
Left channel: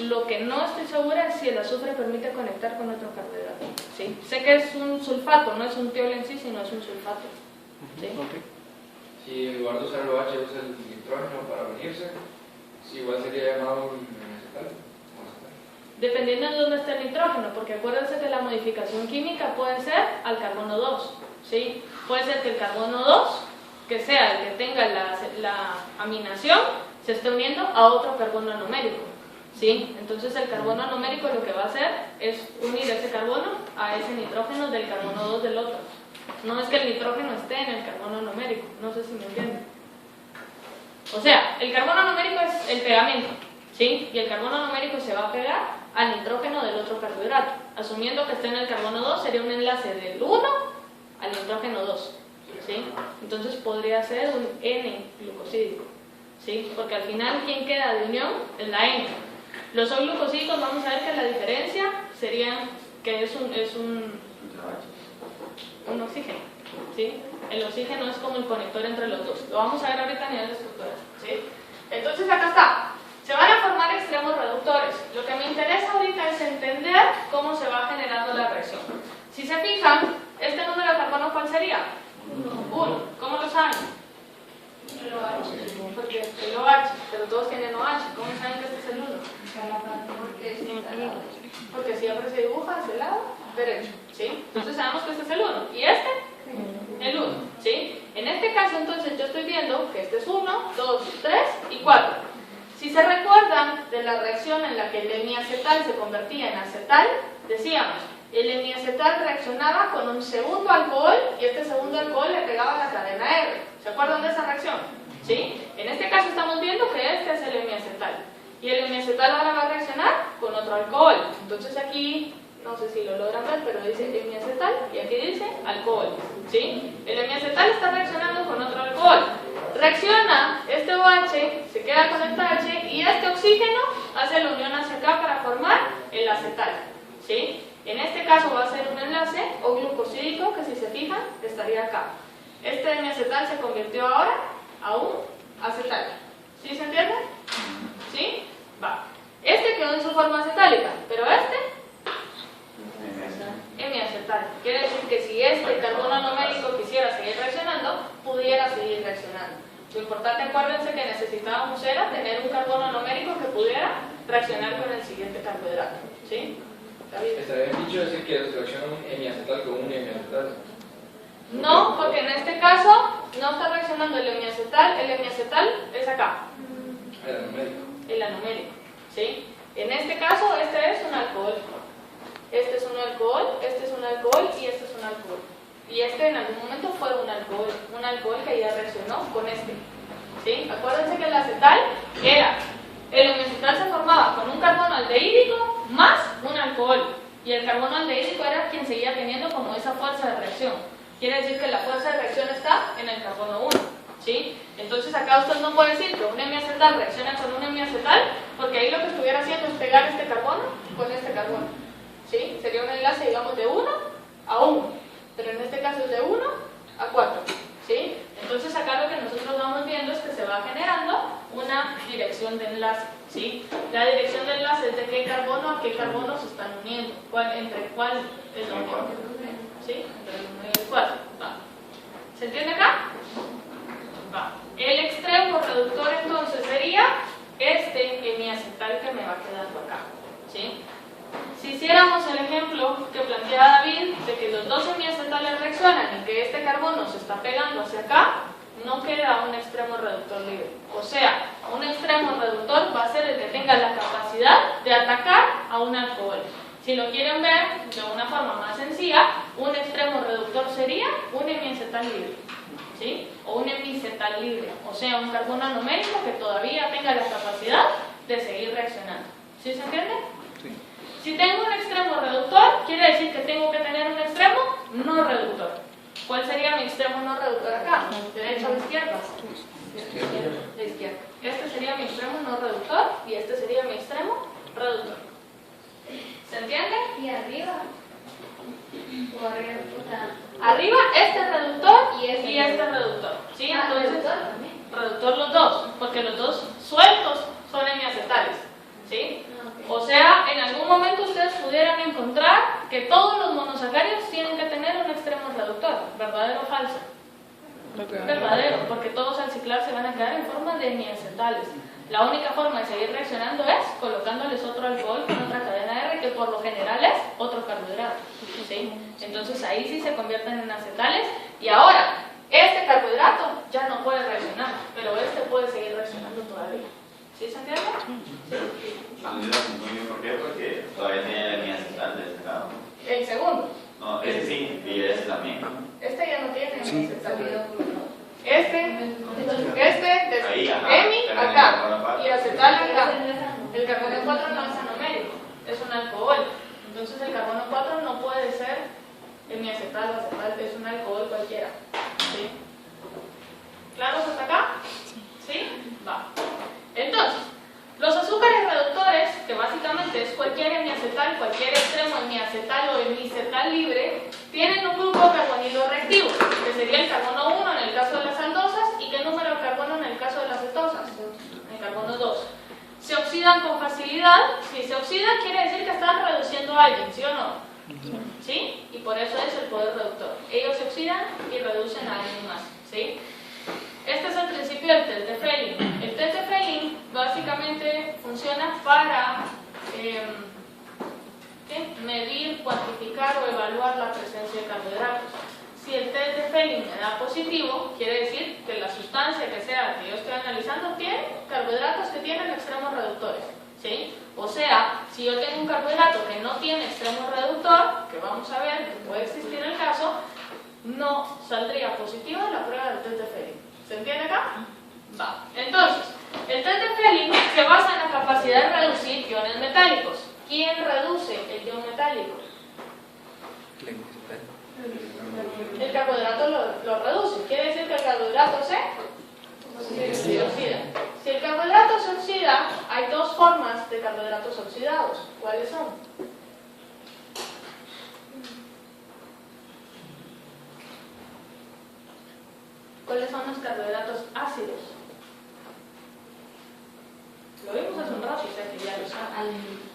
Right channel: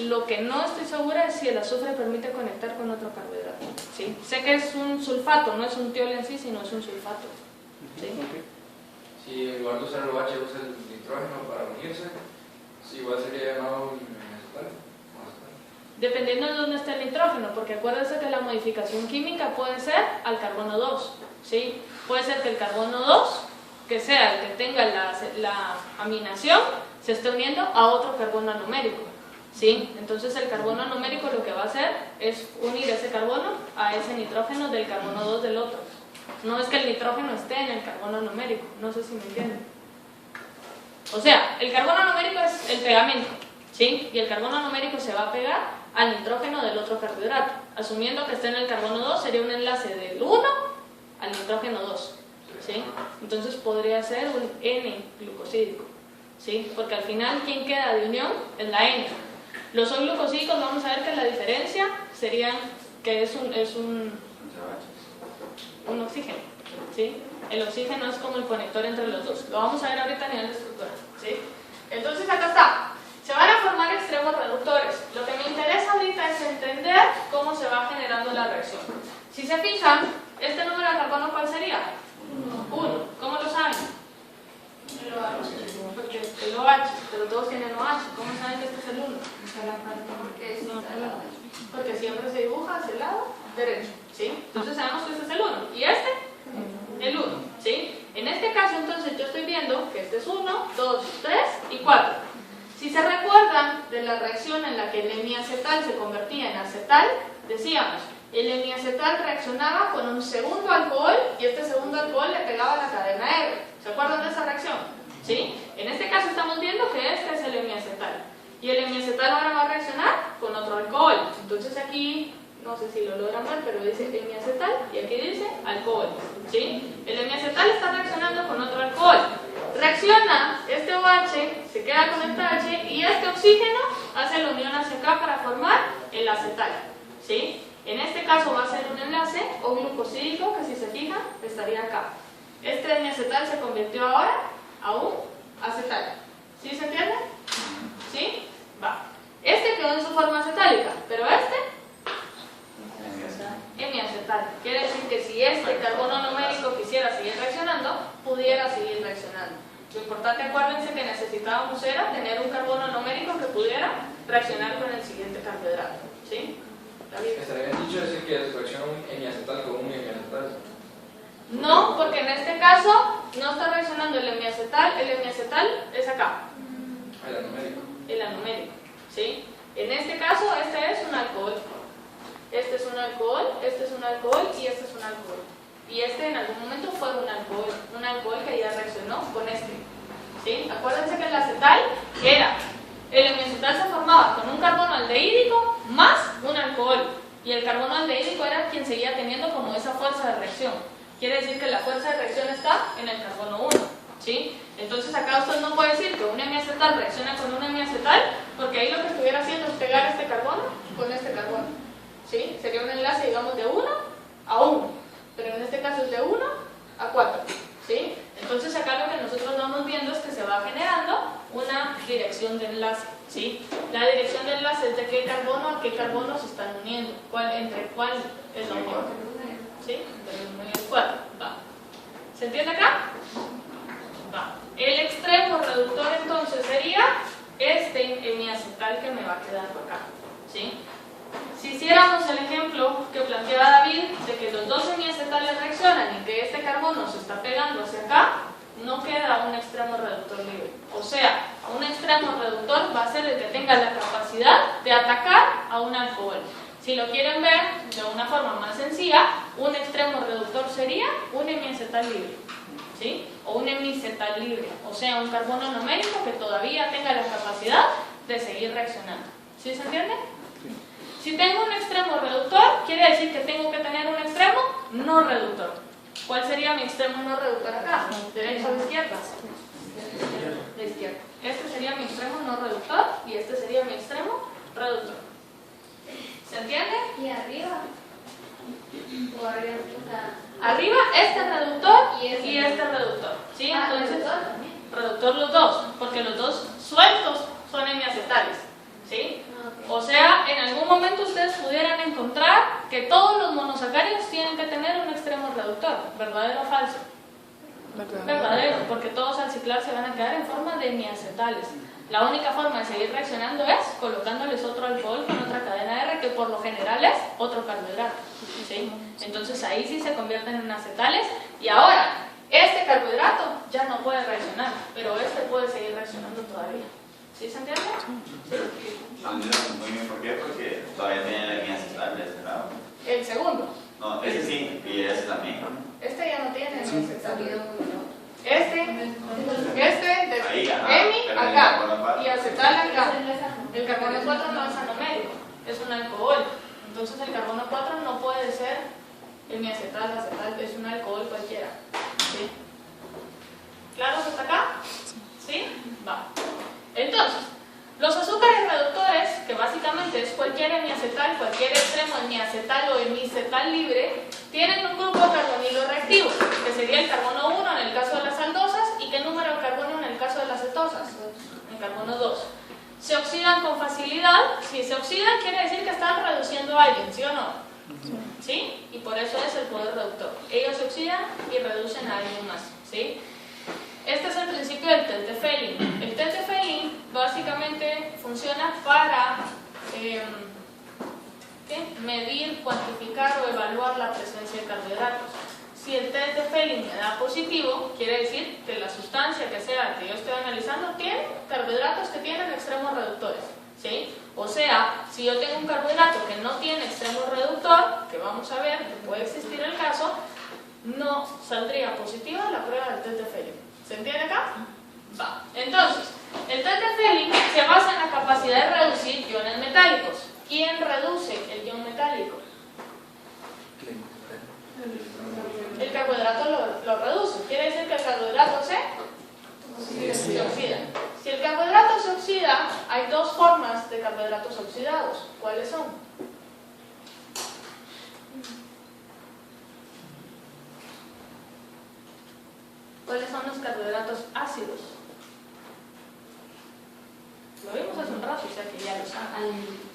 Lo que no estoy segura es si el azufre permite conectar con otro carbohidrato. ¿Sí? Sé que es un sulfato, no es un tiol en sí, sino es un sulfato. ¿Sí? Si en lugar de usar el OH usa el nitrógeno para unirse, sí, igual sería llamado acetal. Dependiendo de dónde esté el nitrógeno, porque acuérdense que la modificación química puede ser al carbono 2, ¿sí? Puede ser que el carbono 2, que sea el que tenga la aminación, se esté uniendo a otro carbono anomérico, ¿sí? Entonces el carbono anomérico lo que va a hacer es unir ese carbono a ese nitrógeno del carbono 2 del otro. No es que el nitrógeno esté en el carbono anomérico, no sé si me entienden. O sea, el carbono anomérico es el pegamento, ¿sí? Y el carbono anomérico se va a pegar al nitrógeno del otro carbohidrato. Asumiendo que esté en el carbono 2, sería un enlace del 1 al nitrógeno 2, ¿sí? Entonces podría ser un N-glucosídico, ¿sí? Porque al final, ¿quién queda de unión? Es la N. Los O-glucosídicos, vamos a ver que la diferencia sería que es un oxígeno, ¿sí? El oxígeno es como el conector entre los dos. Lo vamos a ver ahorita a nivel de estructura, ¿sí? Entonces acá está. Se van a formar extremos reductores. Lo que me interesa ahorita es entender cómo se va generando la reacción. Si se fijan, este número de carbono, ¿cuál sería? 1. ¿Cómo lo saben? El OH. Porque el OH, pero todos tienen OH. ¿Cómo saben que este es el 1? Porque siempre se dibuja hacia el lado derecho, ¿sí? Entonces sabemos que este es el 1. ¿Y este? El 1, ¿sí? En este caso, entonces, yo estoy viendo que este es 1, 2, 3 y 4. Si se recuerdan de la reacción en la que el hemiacetal se convertía en acetal, decíamos, el hemiacetal reaccionaba con un segundo alcohol y este segundo alcohol le pegaba a la cadena R. ¿Se acuerdan de esa reacción? ¿Sí? En este caso estamos viendo que este es el hemiacetal. Y el hemiacetal ahora va a reaccionar con otro alcohol. Entonces aquí, no sé si lo logran ver, pero dice hemiacetal y aquí dice alcohol. ¿Sí? El hemiacetal está reaccionando con otro alcohol. Reacciona, este OH se queda con esta H y este oxígeno hace la unión ACK para formar el acetal, ¿sí? En este caso va a ser un enlace o glucosídico que si se fijan estaría acá. Este hemiacetal se convirtió ahora a un acetal. ¿Sí se entiende? ¿Sí? Va. Este quedó en su forma acetálica, pero este hemiacetal. Quiere decir que si este carbono anomérico quisiera seguir reaccionando, pudiera seguir reaccionando. Lo importante, acuérdense que necesitábamos era tener un carbono anomérico que pudiera reaccionar con el siguiente carbohidrato. ¿Sí? ¿Estaría bien dicho decir que reacciona un hemiacetal con un hemiacetal? No, porque en este caso no está reaccionando el hemiacetal es acá. El anomérico. El anomérico. ¿Sí? En este caso, este es un alcohol. Este es un alcohol, este es un alcohol y este es un alcohol. Y este en algún momento fue un alcohol que ya reaccionó con este. ¿Sí? Acuérdense que el acetal era, el hemiacetal se formaba con un carbono aldehídico más un alcohol. Y el carbono aldehídico era quien seguía teniendo como esa fuerza de reacción. Quiere decir que la fuerza de reacción está en el carbono 1. ¿Sí? Entonces acá usted no puede decir que un hemiacetal reacciona con un hemiacetal, porque ahí lo que estuviera haciendo es pegar este carbono con este carbono. ¿Sí? Sería un enlace, digamos, de 1 a 1, pero en este caso es de 1 a 4. ¿Sí? Entonces acá lo que nosotros vamos viendo es que se va generando una dirección de enlace. ¿Sí? La dirección de enlace es de qué carbono a qué carbono se están uniendo, entre cuál es la unión. ¿Sí? Entre el 1 y el 4. Va. ¿Se entiende acá? Va. El extremo reductor entonces sería este hemiacetal que me va quedando acá. ¿Sí? Si hiciéramos el ejemplo que planteaba David de que los dos hemiacetales reaccionan y que este carbono se está pegando hacia acá, no queda un extremo reductor libre. O sea, un extremo reductor va a ser el que tenga la capacidad de atacar a un alcohol. Si lo quieren ver de una forma más sencilla, un extremo reductor sería un hemiacetal libre, ¿sí? O un hemiacetal libre, o sea, un carbono anomérico que todavía tenga la capacidad de seguir reaccionando. ¿Sí se entiende? Si tengo un extremo reductor, quiere decir que tengo que tener un extremo no reductor. ¿Cuál sería mi extremo no reductor acá? ¿Derecha o izquierda? De izquierda. Este sería mi extremo no reductor y este sería mi extremo reductor. ¿Se entiende? Y arriba. O arriba, o sea, Arriba este reductor Y y este este reductor. ¿Sí? ah, Entonces, reductor también. reductor los dos, porque los dos sueltos son hemiacetales. ¿Sí? Ah, ok. O sea, en algún momento ustedes pudieran encontrar que todos los monosacáridos tienen que tener un extremo reductor. ¿Verdadero o falso? Verdadero, porque todos al ciclar se van a quedar en forma de hemiacetales. La única forma de seguir reaccionando es colocándoles otro alcohol con otra cadena R, que por lo general es otro carbohidrato. ¿Sí? Entonces ahí sí se convierten en acetales. Y ahora, este carbohidrato ya no puede reaccionar, pero este puede seguir reaccionando todavía. ¿Sí se entiende? Sí. Muy bien, ¿por qué? Porque todavía tiene líneas estables, claro. El segundo. No, ese sí, y ese también. Este ya no tiene hemiacetales. Entonces, Este Ahí, de ajá, hemi pero acá en y acetal acá. ese no es ano. El carbono 4 no es anomérico, es un alcohol. Entonces el carbono 4 no puede ser hemiacetal o acetal, es un alcohol cualquiera. ¿Sí? ¿Claro hasta acá? ¿Sí? Va. Entonces, los azúcares reductores, que básicamente es cualquier hemiacetal, cualquier extremo hemiacetal o hemicetal libre, tienen un grupo carbonilo reactivo, que sería el carbono 1 en el caso de las aldosas, y qué número de carbono en el caso de las cetosas, el carbono 2. Se oxidan con facilidad. Si se oxidan quiere decir que están reduciendo a alguien, ¿sí o no? ¿Sí? Y por eso es el poder reductor. Ellos se oxidan y reducen a alguien más, ¿sí? Este es el principio del test de Fehling. El test de Fehling básicamente funciona para medir, cuantificar o evaluar la presencia de carbohidratos. Si el test de Fehling me da positivo, quiere decir que la sustancia que sea que yo estoy analizando tiene carbohidratos que tienen extremos reductores. ¿Sí? O sea, si yo tengo un carbohidrato que no tiene extremo reductor, que vamos a ver que puede existir el caso, no saldría positiva la prueba del test de Fehling. ¿Se entiende acá? Va. Entonces, el test de Fehling se basa en la capacidad de reducir iones metálicos. ¿Quién reduce el ion metálico? El carbohidrato lo reduce. Quiere decir que el carbohidrato se oxida. Si el carbohidrato se oxida, hay dos formas de carbohidratos oxidados. ¿Cuáles son? ¿Cuáles son los carbohidratos ácidos? Lo vimos hace un rato, o sea que ya lo saben.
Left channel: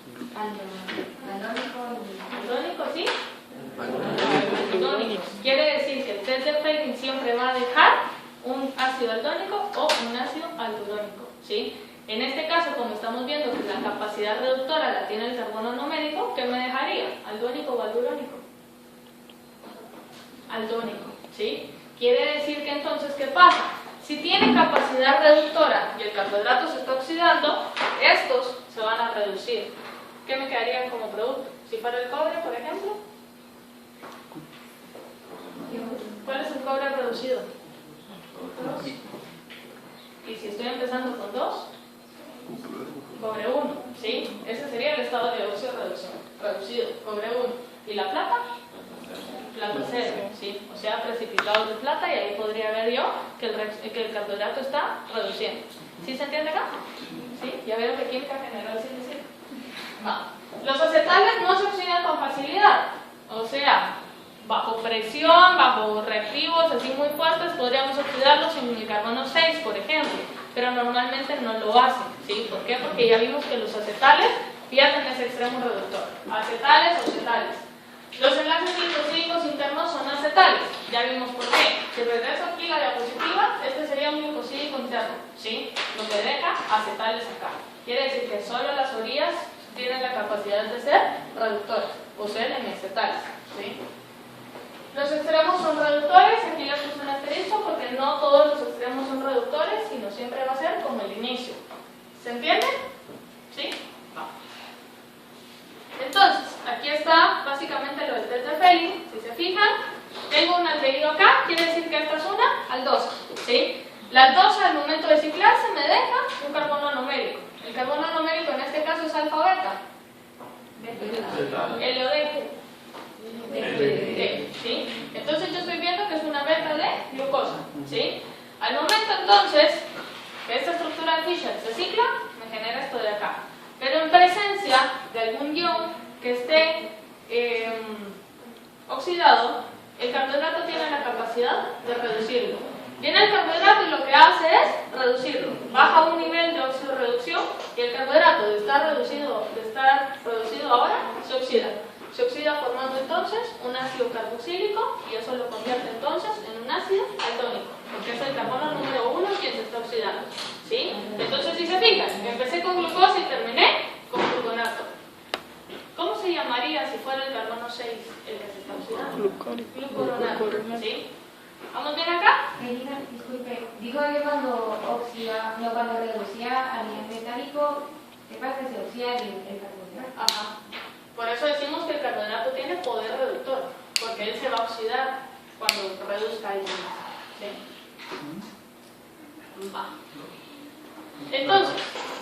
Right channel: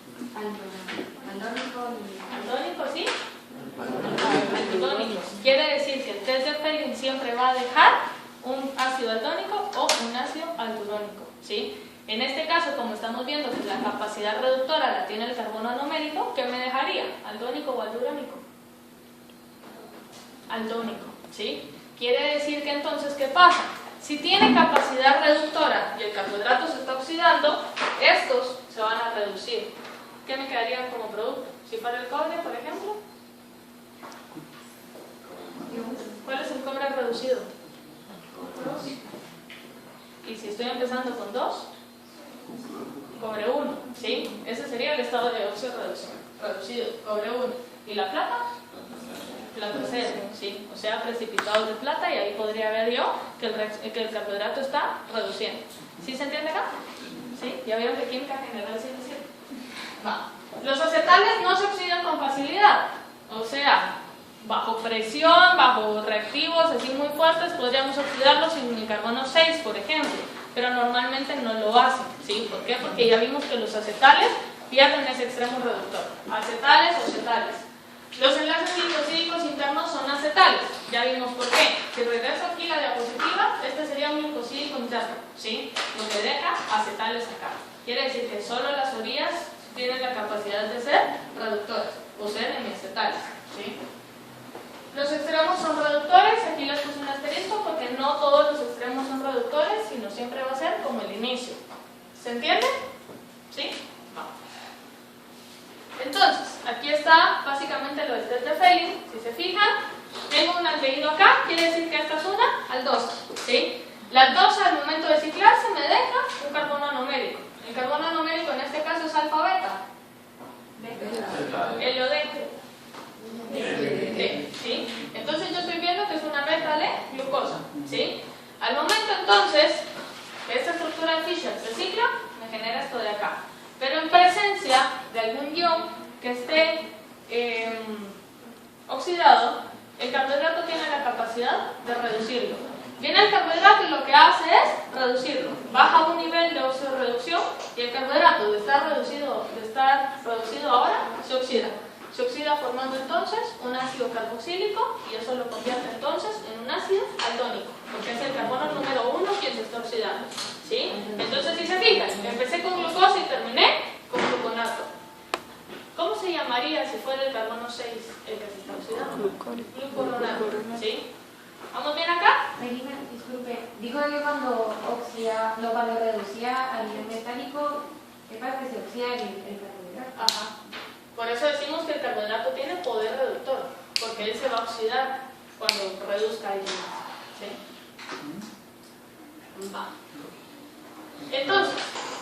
Aldónico, ¿sí? Aldónico. Quiere decir que el test de Fehling siempre va a dejar un ácido aldónico o un ácido aldodónico, ¿sí? En este caso, como estamos viendo que la capacidad reductora la tiene el carbono anomérico, ¿qué me dejaría? ¿Aldónico o aldodónico? Aldónico, ¿sí? Quiere decir que entonces, ¿qué pasa? Si tiene capacidad reductora y el carbohidrato se está oxidando, estos se van a reducir. ¿Qué me quedaría como producto? Si fuera el cobre, por ejemplo. ¿Cuál es el cobre reducido? 2. Y si estoy empezando con 2, cobre 1, ¿sí? Ese sería el estado de óxido reducido, cobre 1. ¿Y la plata? Plata 0, ¿sí? O sea, precipitados de plata, y ahí podría ver yo que el carbohidrato está reduciendo. ¿Sí se entiende acá? ¿Sí? Ya vieron que química general sí es así. Va. Los acetales no se oxidan con facilidad, o sea, bajo presión, bajo reactivos así muy fuertes, podríamos oxidarlos en el carbono 6, por ejemplo, pero normalmente no lo hacen, ¿sí? ¿Por qué? Porque ya vimos que los acetales pierden ese extremo reductor. Acetales o acetales. Los enlaces glicosídicos internos son acetales, ya vimos por qué. Si regreso aquí la diapositiva, este sería un glucosídico interno, ¿sí? Lo que deja acetales acá. Quiere decir que solo las orillas tienen la capacidad de ser reductores, o ser hemiacetales, ¿sí? Los extremos son reductores, aquí les puse un asterisco porque no todos los extremos son reductores, sino siempre va a ser como el inicio. ¿Se entiende? ¿Sí? Vamos. Entonces, aquí está básicamente lo del test de Fehling. Si se fijan, tengo un aldehído acá, quiere decir que esta es una aldosa, ¿sí? La aldosa al momento de ciclarse me deja un carbono anomérico. El carbono anomérico en este caso es alfa-beta. El OD. ¿Sí? Entonces yo estoy viendo que es una beta de glucosa, ¿sí? Al momento entonces que esta estructura de Fischer se cicla, me genera esto de acá. Pero en presencia de algún ion que esté oxidado, el carbohidrato tiene la capacidad de reducirlo. Viene el carbohidrato y lo que hace es reducirlo. Baja a un nivel de oxidorreducción y el carbohidrato de estar reducido ahora se oxida. Se oxida formando entonces un ácido carboxílico y eso lo convierte entonces en un ácido aldónico, porque es el carbono número 1 quien se está oxidando. ¿Sí? Entonces, si se fijan, empecé con glucosa y terminé con gluconato. ¿Cómo se llamaría si fuera el carbono 6 el que se está oxidando? Glucuronato. ¿Sí? ¿Vamos bien acá? Melina, disculpe, dijo que cuando reducía a nivel metálico, es para que se oxida el carbohidrato. Ajá. Por eso decimos que el carbohidrato tiene poder reductor, porque él se va a oxidar cuando reduzca el más. ¿Sí? Va. Entonces,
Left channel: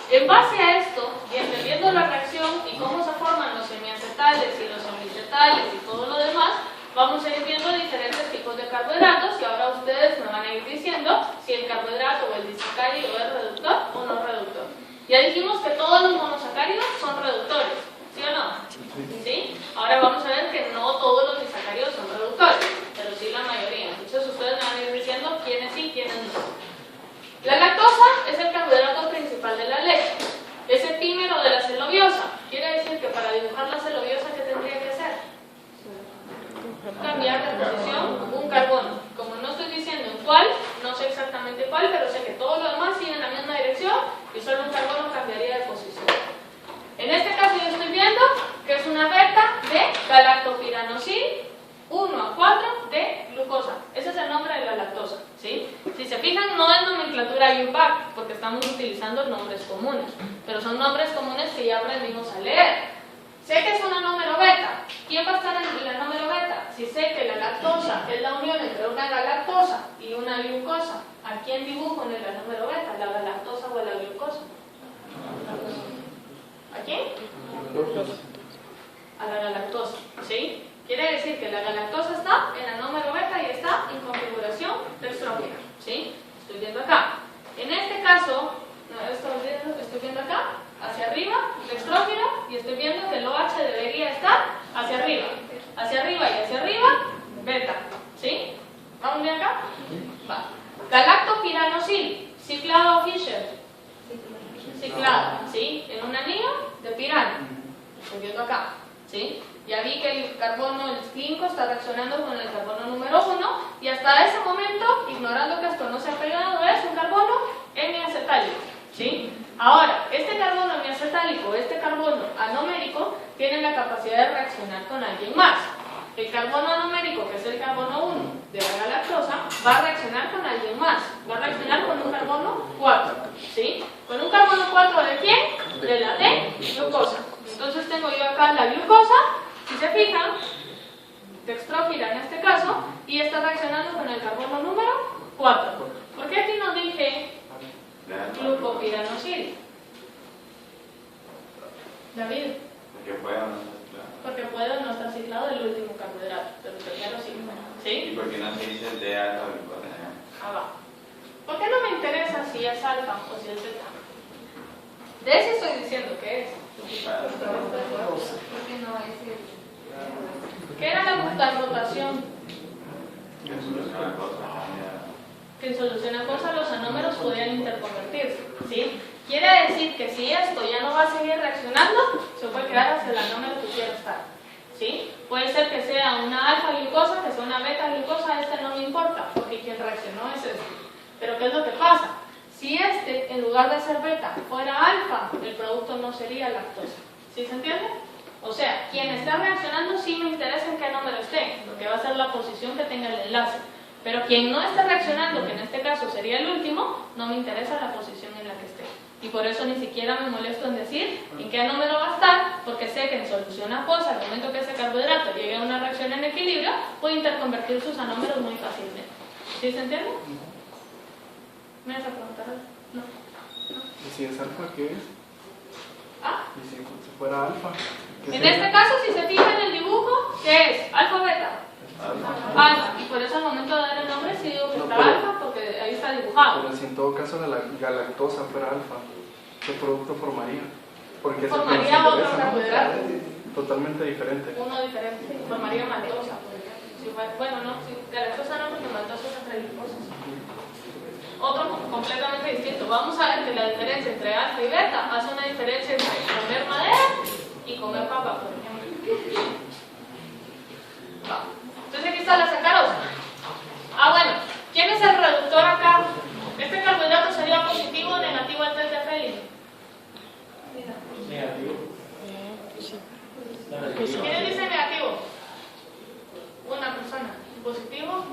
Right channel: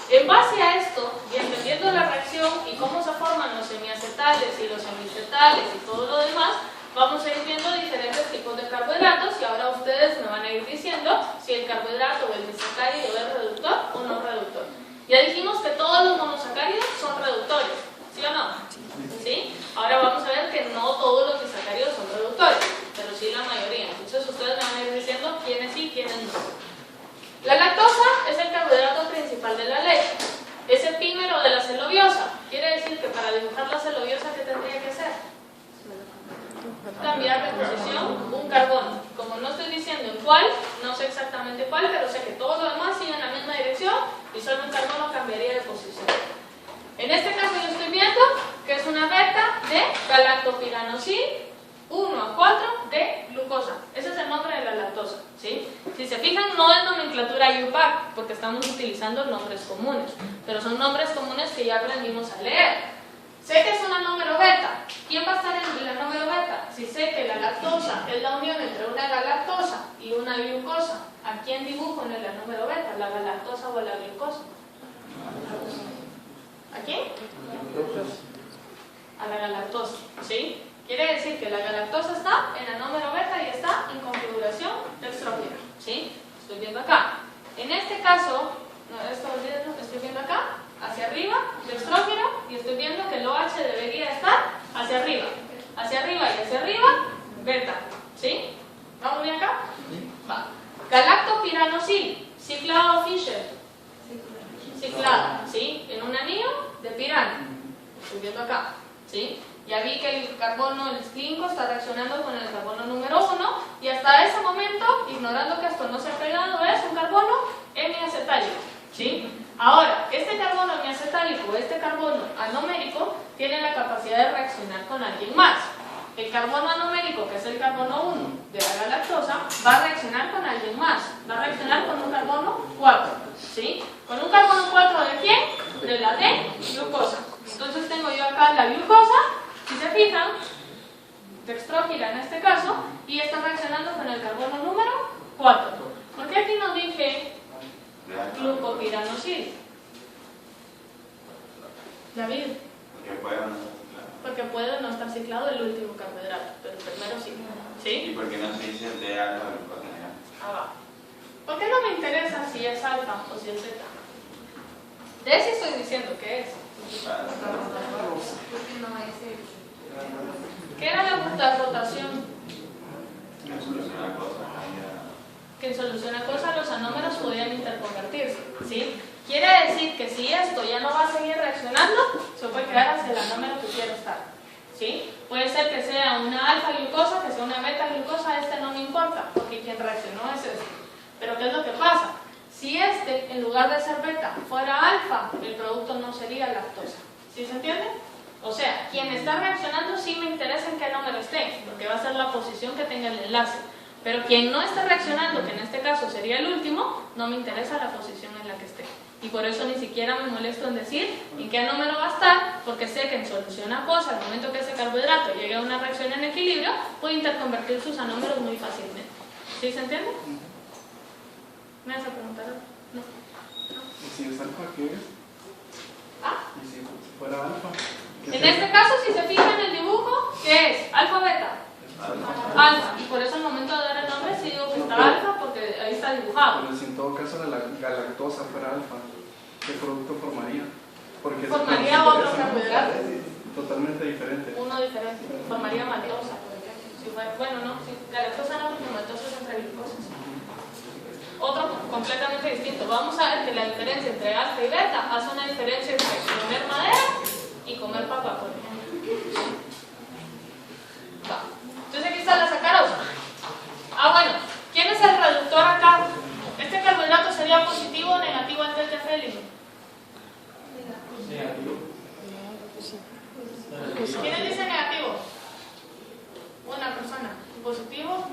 en base a esto, y entendiendo la reacción y cómo se forman los semiacetales y los semicetales y todo lo demás, vamos a ir viendo diferentes tipos de carbohidratos y ahora ustedes me van a ir diciendo si el carbohidrato o el disacárido es reductor o no reductor. Ya dijimos que todos los monosacáridos son reductores, ¿sí o no? ¿Sí? Ahora vamos a ver que no todos los disacáridos son reductores, pero sí la mayoría. Entonces ustedes me van a ir diciendo quiénes sí y quiénes no. La lactosa es el carbohidrato principal de la leche. Es epímero de la celobiosa. Quiere decir que para dibujar la celobiosa, ¿qué tendría que hacer? Cambiar de posición un carbono. Como no estoy diciendo en cuál, no sé exactamente cuál, pero sé que todos los demás siguen la misma dirección y solo un carbono cambiaría de posición. En este caso yo estoy viendo que es una beta de galactopiranosil 1 a 4 de glucosa. Ese es el nombre de la lactosa, ¿sí? Si se fijan, no es nomenclatura UPAC, porque estamos utilizando nombres comunes, pero son nombres comunes que ya aprendimos a leer. Sé que es una número beta. ¿Quién va a estar en la número beta? Si sé que la lactosa es la unión entre una galactosa y una glucosa, ¿a quién dibujo en la número beta? ¿La galactosa o la glucosa? ¿A quién? A la galactosa, ¿sí? Quiere decir que la galactosa está en la número beta y está en configuración dextrógena, ¿sí? Estoy viendo acá. En este caso, estoy viendo acá, hacia arriba, dextrógeno, y estoy viendo que el OH debería estar hacia arriba y hacia arriba, beta, ¿sí? ¿Vamos bien acá? Va. Galactopiranosil, ciclado Fischer, ciclado, ¿sí? En un anillo de pirano, estoy viendo acá, ¿sí? Ya vi que el carbono, el 5, está reaccionando con el carbono número 1 y hasta ese momento, ignorando que esto no se ha pegado, es un carbono hemiacetálico, ¿sí? Ahora, este carbono hemiacetálico, este carbono anomérico, tiene la capacidad de reaccionar con alguien más. El carbono anomérico, que es el carbono 1 de la galactosa, va a reaccionar con alguien más. Va a reaccionar con un carbono 4, ¿sí? ¿Con un carbono 4 de quién? De la D-glucosa. Entonces tengo yo acá la glucosa. Si se fijan, dextrógena en este caso, y está reaccionando con el carbono número 4. ¿Por qué aquí no dije glucopiranosil? David. Porque puede no estar ciclado el último carbohidrato, pero el primero sí. ¿Sí? ¿Y por qué no se dice de alfa glucosa? Ah, va. ¿Por qué no me interesa si es alfa o si es beta? De ese estoy diciendo que es. Porque no es el... ¿Qué era la rotación? Que en solución aquosa los anómeros podían interconvertirse, ¿sí? Quiere decir que si esto ya no va a seguir reaccionando, se puede quedar hacia el anómero que quiero estar, ¿sí? Puede ser que sea una alfa glucosa, que sea una beta glucosa, este no me importa, porque quien reaccionó es este. Pero ¿qué es lo que pasa? Si este, en lugar de ser beta, fuera alfa, el producto no sería lactosa, ¿sí se entiende? O sea, quien está reaccionando sí me interesa en qué número esté, porque va a ser la posición que tenga el enlace. Pero quien no esté reaccionando, que en este caso sería el último, no me interesa la posición en la que esté. Y por eso ni siquiera me molesto en decir en qué número va a estar, porque sé que en solución acuosa, al momento que ese carbohidrato llegue a una reacción en equilibrio, puede interconvertir sus anómeros muy fácilmente. ¿Sí se entiende? ¿Me vas a preguntar? No. ¿Y si es alfa, qué es? ¿Ah? ¿Y si fuera alfa? En este caso, si se fijan en el dibujo, ¿qué es? ¿Alfa o beta? Alfa. Y por eso al momento de dar el nombre sí digo que está alfa, porque ahí está dibujado. Pero si en todo caso la galactosa fuera alfa, ¿qué producto formaría? Porque Formaría otro carbohidrato. totalmente diferente. Uno diferente. Formaría maltosa, por ejemplo. bueno, no, galactosa no, porque maltosa es entre glucosas. Otro completamente distinto. Vamos a ver que la diferencia entre alfa y beta hace una diferencia entre comer madera y comer papa, por ejemplo. Va. Entonces aquí está la sacarosa. Ah, bueno, ¿quién es el reductor acá? ¿Este carbohidrato sería positivo o negativo al test de Fehling? Negativo. ¿Quiénes dicen negativo? Una persona. ¿Positivo?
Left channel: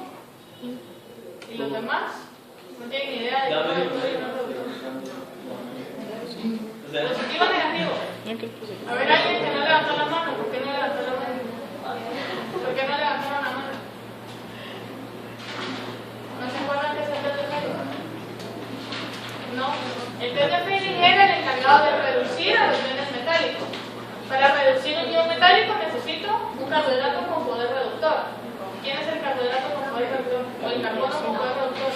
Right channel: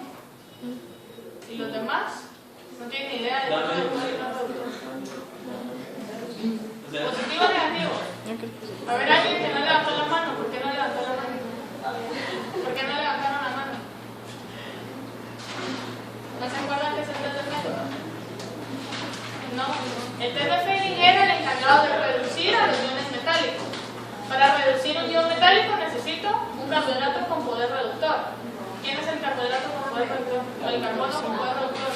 ¿Y los demás? No tienen ni idea de qué reductor y no reductor. ¿Positivo o negativo? A ver, alguien que no levantó la mano. ¿Por qué no levantó la mano? ¿Por qué no levantaron la mano? ¿No se acuerdan que es el test de Fehling? No. El test de Fehling era el encargado de reducir a los iones metálicos. Para reducir un ion metálico necesito un carbohidrato con poder reductor. ¿Quién es el carbohidrato con poder reductor? ¿O el carbono con poder reductor?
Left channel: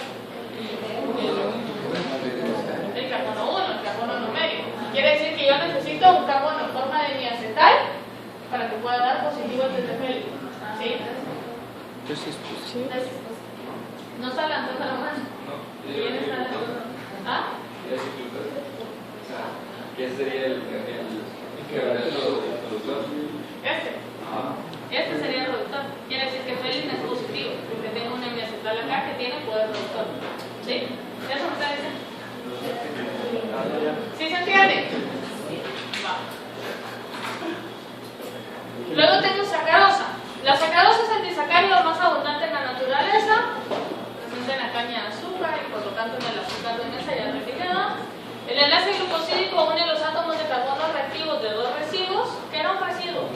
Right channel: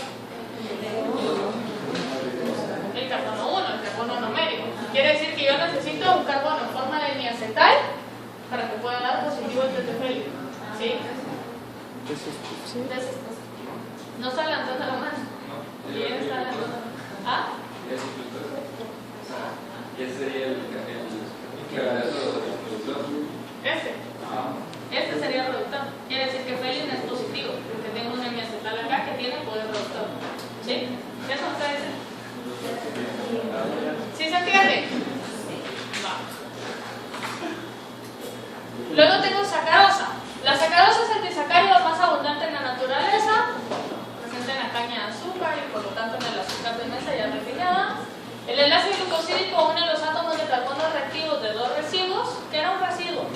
El carbono 1, el carbono numérico. Quiere decir que yo necesito un carbono en forma de diacetal para que pueda dar positivo el test de Fehling. ¿Sí? No se levantó la mano. ¿Quién está levantando? ¿Ah? ¿Qué sería el reductor? Este sería el reductor. Quiere decir que Fehling es positivo, porque tengo un hemiacetal acá que tiene poder reductor. ¿Sí? ¿Ya se me está diciendo? ¿Sí se entiende? Va. Luego tengo sacarosa. La sacarosa es el disacárido más abundante en la naturaleza, presente en la caña de azúcar y por lo tanto en el azúcar de mesa ya refinada. El enlace glucosídico une los átomos de carbono reactivos de dos residuos. ¿Qué era un residuo?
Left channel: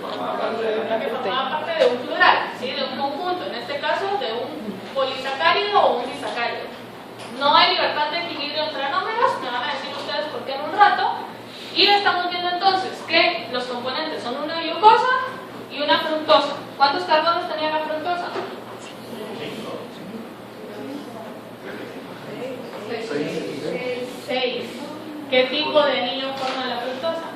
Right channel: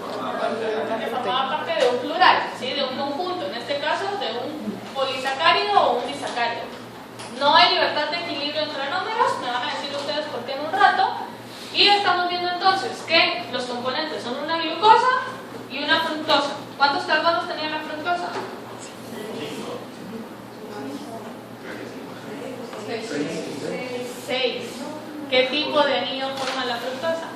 Que formaba parte de un plural, ¿sí? De un conjunto, en este caso de un polisacárido o un disacárido. No hay libertad de equilibrio entre anómeros, me van a decir ustedes por qué en un rato. Y estamos viendo entonces que los componentes son una glucosa y una fructosa. ¿Cuántos carbonos tenía la fructosa? 6. ¿Qué tipo de anillo forma la fructosa?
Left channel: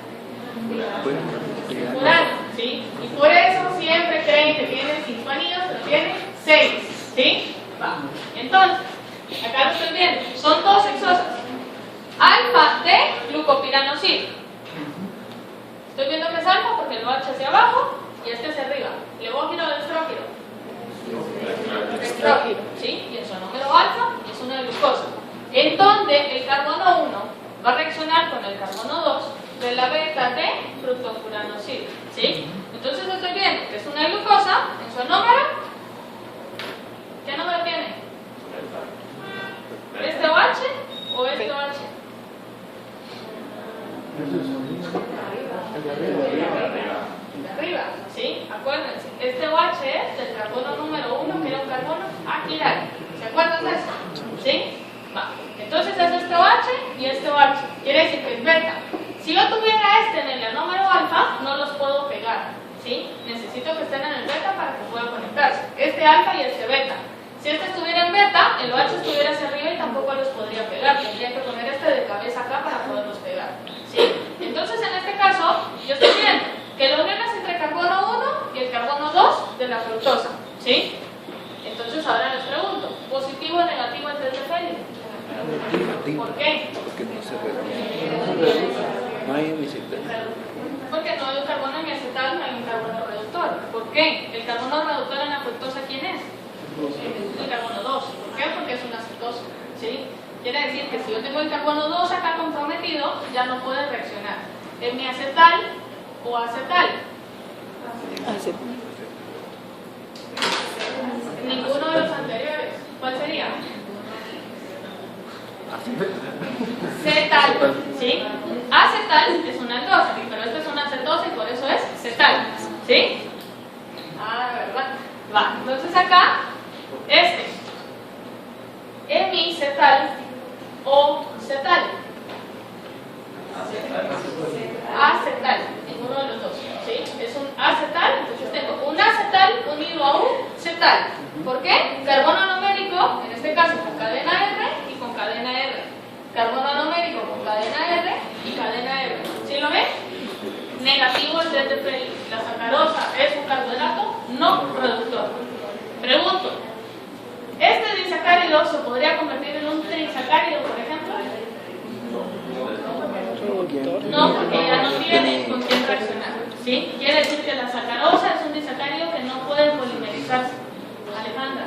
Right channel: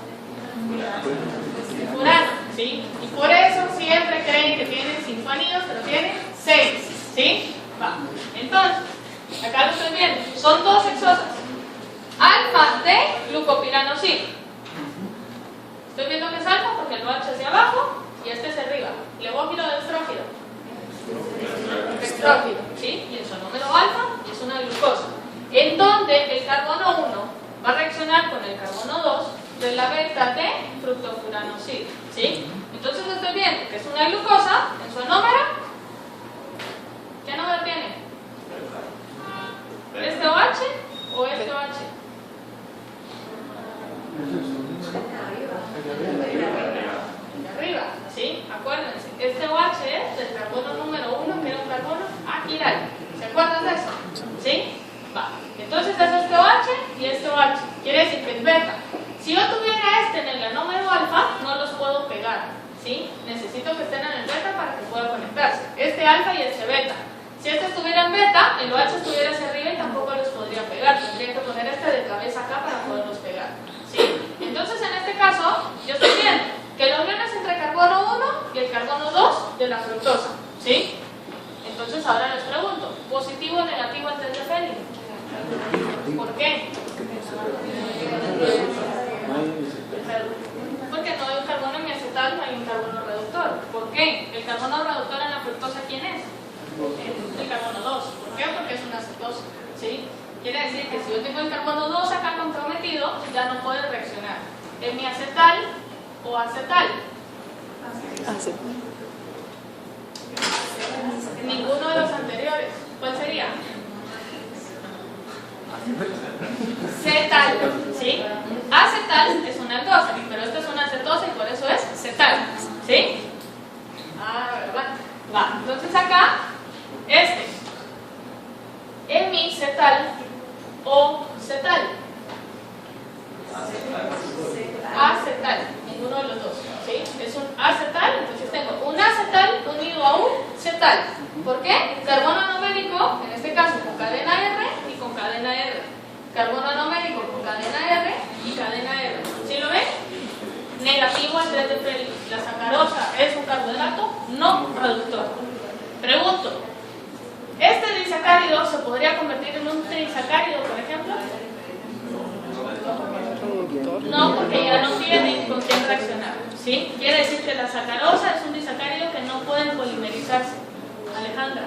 Furano, ¿sí? Y por eso siempre creen que tiene 5 anillos, pero tiene 6, ¿sí? Va. Entonces, acá lo estoy viendo, son dos hexosas. Alfa de glucopiranosil. Estoy viendo que es alfa porque lo H hacia abajo y este hacia arriba. ¿Levógiro o dextrógiro? Dextrógiro, ¿sí? Y el sonómero alfa es una glucosa. En donde el carbono 1 va a reaccionar con el carbono 2 de la beta de fructofuranosil, ¿sí? Entonces estoy viendo que es una glucosa en su número. ¿Qué número tiene? ¿Este OH o este OH? De arriba, ¿sí? Acuérdense, este OH es del carbono número 1, que era un carbono aquilar. ¿Se acuerdan de eso? ¿Sí? Va. Entonces es este OH y este OH. Quiere decir que es beta. Si yo tuviera este en el anómero alfa, no los puedo pegar, ¿sí? Necesito que estén en el beta para que puedan conectarse. Este alfa y este beta. Si este estuviera en beta, el OH estuviera hacia arriba y tampoco los podría pegar. Tendría que poner este de cabeza acá para poderlos pegar, ¿sí? Entonces en este caso, yo estoy viendo que la unión es entre carbono 1 y el carbono 2 de la fructosa, ¿sí? Entonces ahora les pregunto, ¿positivo o negativo el test de Fehling? ¿Por qué? Porque no hay un carbono hemiacetal, no hay un carbono reductor. ¿Por qué? El carbono reductor en la fructosa, ¿quién es? El carbono 2. ¿Por qué? Porque es una cetosa, ¿sí? Quiere decir que si yo tengo el carbono 2 acá comprometido, ya no puede reaccionar. ¿Hemiacetal o acetal? Acetal. Ninguno de los anteriores. ¿Cuál sería? Cetal, ¿sí? Acetal es una aldosa, pero esta es una acetosa y por eso es cetal, ¿sí? Ah, ¿verdad? Va, entonces acá, hemicetal o cetal. Acetal, ninguno de los dos, ¿sí? Es un acetal, entonces tengo un acetal unido a un cetal. ¿Por qué? Carbono numérico, en este caso con cadena R y con cadena R. Carbono numérico con cadena R y cadena R. ¿Sí lo ven? Negativo el test de Fehling. la sacarosa es un carbohidrato no reductor. Pregunto, ¿este disacárido se podría convertir en un trisacárido, por ejemplo? No, porque ya no tiene con quién reaccionar. ¿Sí? Quiere decir que la sacarosa es un disacárido que no puede polimerizarse. Alejandra.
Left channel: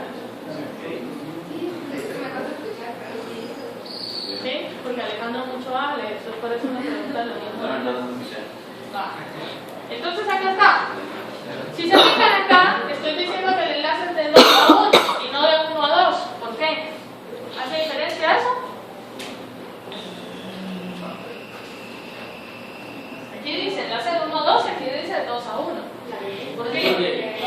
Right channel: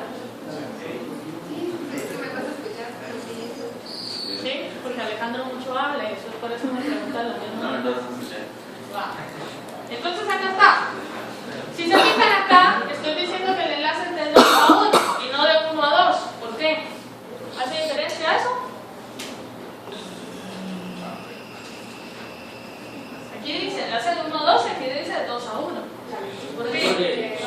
¿Sí? Porque Alejandro mucho habla y eso, por eso me pregunta lo mismo. Va. Entonces acá está. Si se fijan acá, estoy diciendo que el enlace es de 2 a 1 y no de 1 a 2. ¿Por qué? ¿Hace diferencia eso? Aquí dice enlace de 1 a 2 y aquí dice de 2 a 1. ¿Por qué?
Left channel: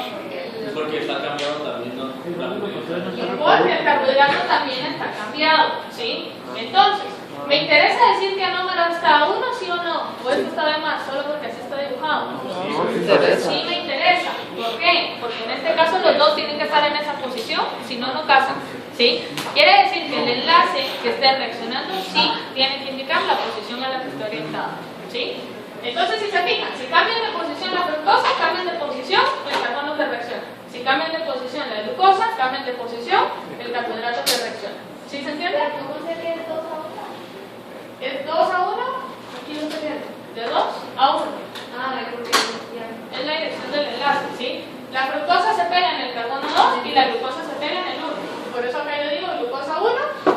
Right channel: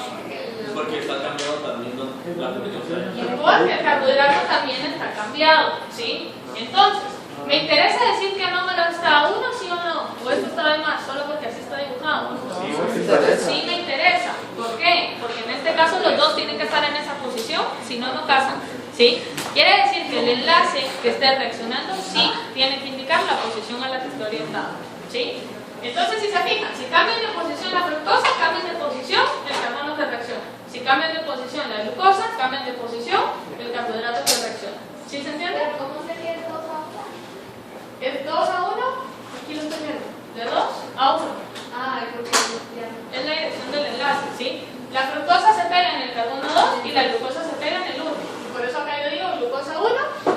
Porque está cambiado también, ¿no? Porque el carbohidrato también está cambiado, ¿sí? Entonces, ¿me interesa decir que el número está a 1, sí o no? ¿O esto está de más, solo porque así está dibujado? Sí me interesa. ¿Por qué? Porque en este caso los dos tienen que estar en esa posición, si no, no casan, ¿sí? Quiere decir que el enlace que esté reaccionando sí tiene que indicar la posición a la que esté orientado, ¿sí? Entonces, si se fijan, si cambian de posición la fructosa, cambian de posición el carbono que reacciona. Si cambian de posición la glucosa, cambian de posición el carbohidrato que reacciona. ¿Sí se entiende? ¿Cómo sería el 2 a 1? ¿Es 2 a 1? Aquí lo estoy viendo. De 2 a 1. Ah, es porque ya. Es la dirección del enlace, ¿sí? La fructosa se pega en el carbono 2 y la glucosa se pega en el 1. Por eso acá yo digo glucosa 1,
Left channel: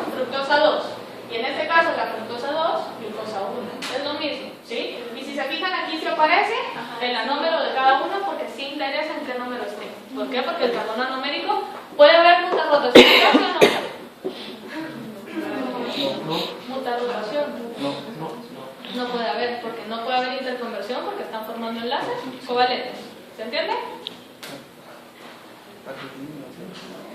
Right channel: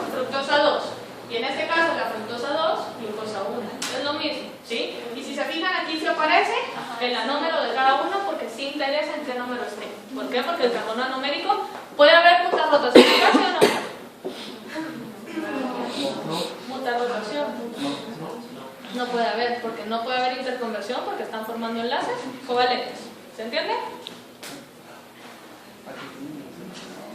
fructosa 2. Y en este caso la fructosa 2, glucosa 1. Es lo mismo, ¿sí? Y si se fijan aquí se aparece el anómero de cada uno porque sí interesa en qué número esté. ¿Por qué? Porque el carbono anomérico puede haber mutarrotación de gas o no. Mutarrotación. No puede haber, porque no puede haber interconversión porque están formando enlaces covalentes. ¿Se entiende?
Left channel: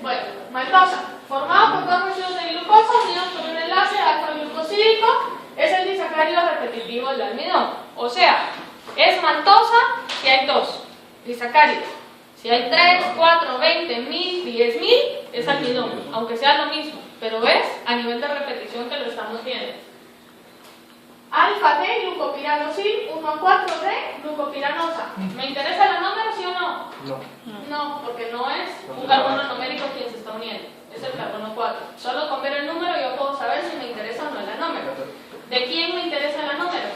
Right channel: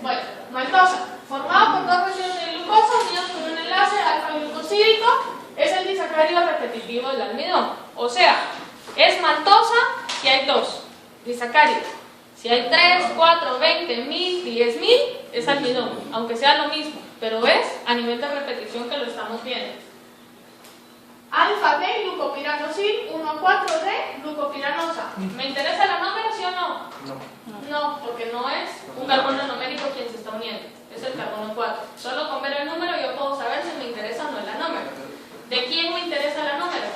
Bueno, maltosa, formado por dos residuos de glucosa unidos por un enlace alfa-glucosídico, es el disacárido repetitivo del almidón. O sea, es maltosa si hay 2 disacáridos. Si hay 3, 4, 20, 1000, 10.000, es almidón, aunque sea lo mismo, pero es a nivel de repetición que lo estamos viendo. Alfa de glucopiranosil, 1 a 4 de glucopiranosa. ¿Me interesa la número, sí o no? No, porque no es un carbono numérico quien se está uniendo, es el carbono 4. Solo con ver el número yo puedo saber si me interesa o no el anómero. ¿De quién me interesa el anómero?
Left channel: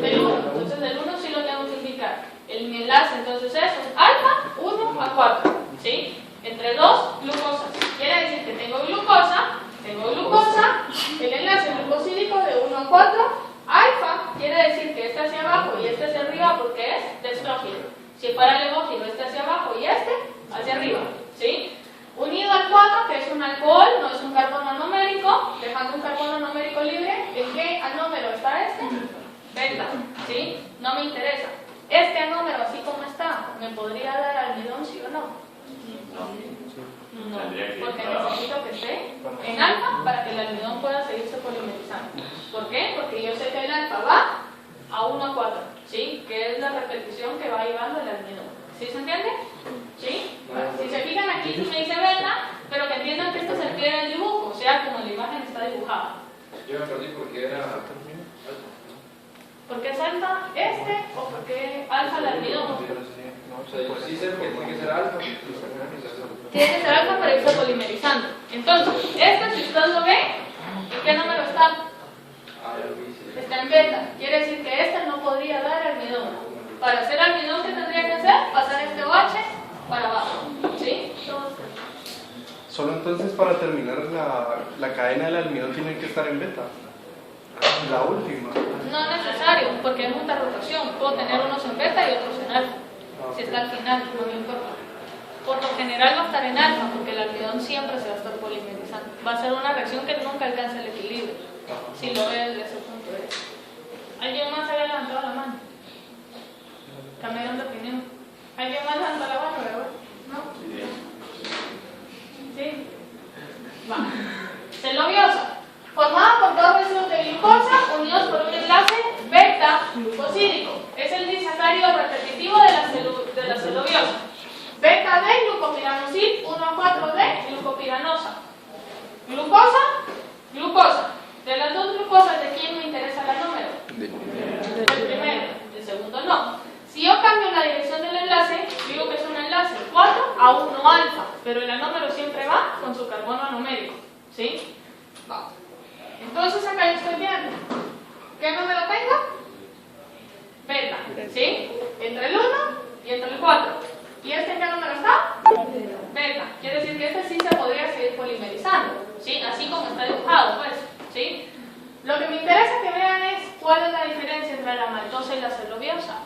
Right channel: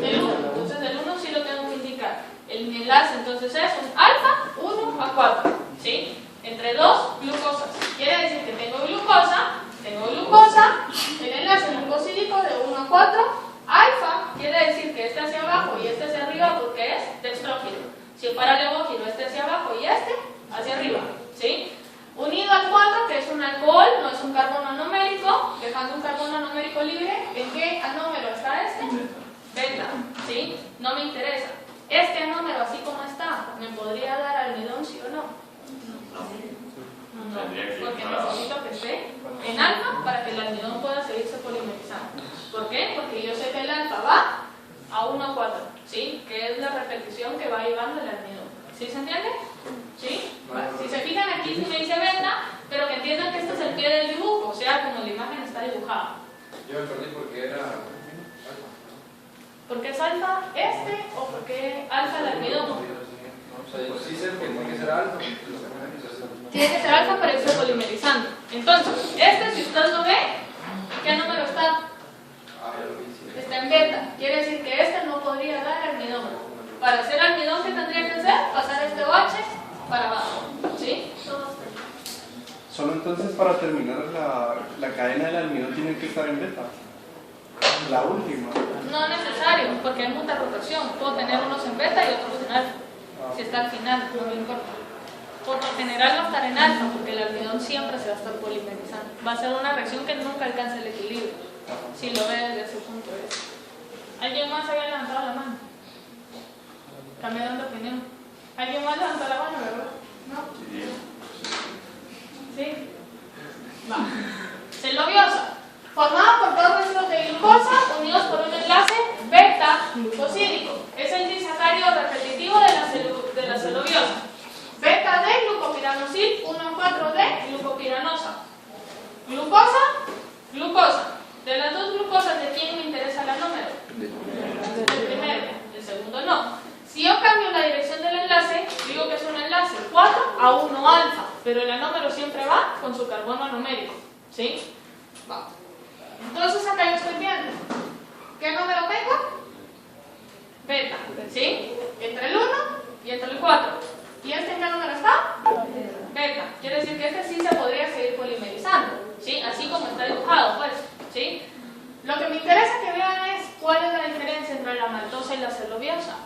Del 1. Entonces del 1 sí lo tengo que indicar. El enlace entonces es un alfa 1 a 4, ¿sí? Entre 2 glucosas. Quiere decir que tengo glucosa, el enlace glucosídico de 1 a 4, alfa quiere decir que este hacia abajo y este hacia arriba porque es dextrógeno. Si fuera levógeno, este hacia abajo y este hacia arriba, ¿sí? Unido al 4, que es un alcohol, no es un carbono numérico, dejando un carbono numérico libre, ¿en qué anómero está este? Beta, ¿sí? No me interesa. Este anómero, así como está, ¿me podría dar almidón, sí o no? No, porque necesito que esté en alfa para que el almidón pueda seguirse polimerizando. ¿Por qué? Porque yo sé que el alfa va a 1 a 4, ¿sí? Que es la repetición que va llevando el almidón. ¿Sí se entiende? ¿Sí? Si se fijan aquí, sí me dice beta, pero que entiendan que este es el pie del dibujo, o sea, como la imagen está dibujada. Yo me perdí porque era alfa. ¿Por qué es alfa este o por qué alfa el almidón? O sea, sí sé que tiene que ser alfa. Tiene que ser alfa para irse polimerizando. Entonces, este, si usted lo ve, ¿en qué número está? Está en beta. Quiere decir que este no podría dar almidón. Para hacer almidón, ¿qué tendría que hacer? Pasar este OH para abajo. ¿Sí? Solo entonces para terminar la cadena del almidón tiene que estar en beta. La última. No necesario, porque hay mucha rotación. Puedo tener unos en beta y otros en alfa. Si está al final, no me importa. Por lo general va a estar en alfa, porque el almidón siempre se va a estar polimerizando. Va a ser una reacción que nunca alcanza el equilibrio, si lo ve desde ese punto de vista. ¿Alguien más había levantado la mano? Cambiaron de opinión. ¿Alguien más levantó la mano, verdad? ¿No? ¿Sí? Va. Celobiosa. Formada por dos residuos de glucosa unidos por un enlace beta-glucosídico. Es el disacárido repetitivo de la celobiosa. Beta de glucopiranosil, 1 a 4 de glucopiranosa. Glucosa. De las dos glucosas, ¿de quién me interesa la número? Del primero. El segundo no. Si yo cambio la alfa, pero el anómero siempre va con su carbono numérico, ¿sí? Va. Entonces acá yo estoy viendo, ¿qué número tengo? Beta, ¿sí? Entre el 1 y entre el 4. ¿Y este en qué número está? Beta. Quiere decir que este sí se podría seguir polimerizando, ¿sí? Así como está dibujado, pues, ¿sí? Lo que me interesa que vean es cuál es la diferencia entre la maltosa y la celuliosa.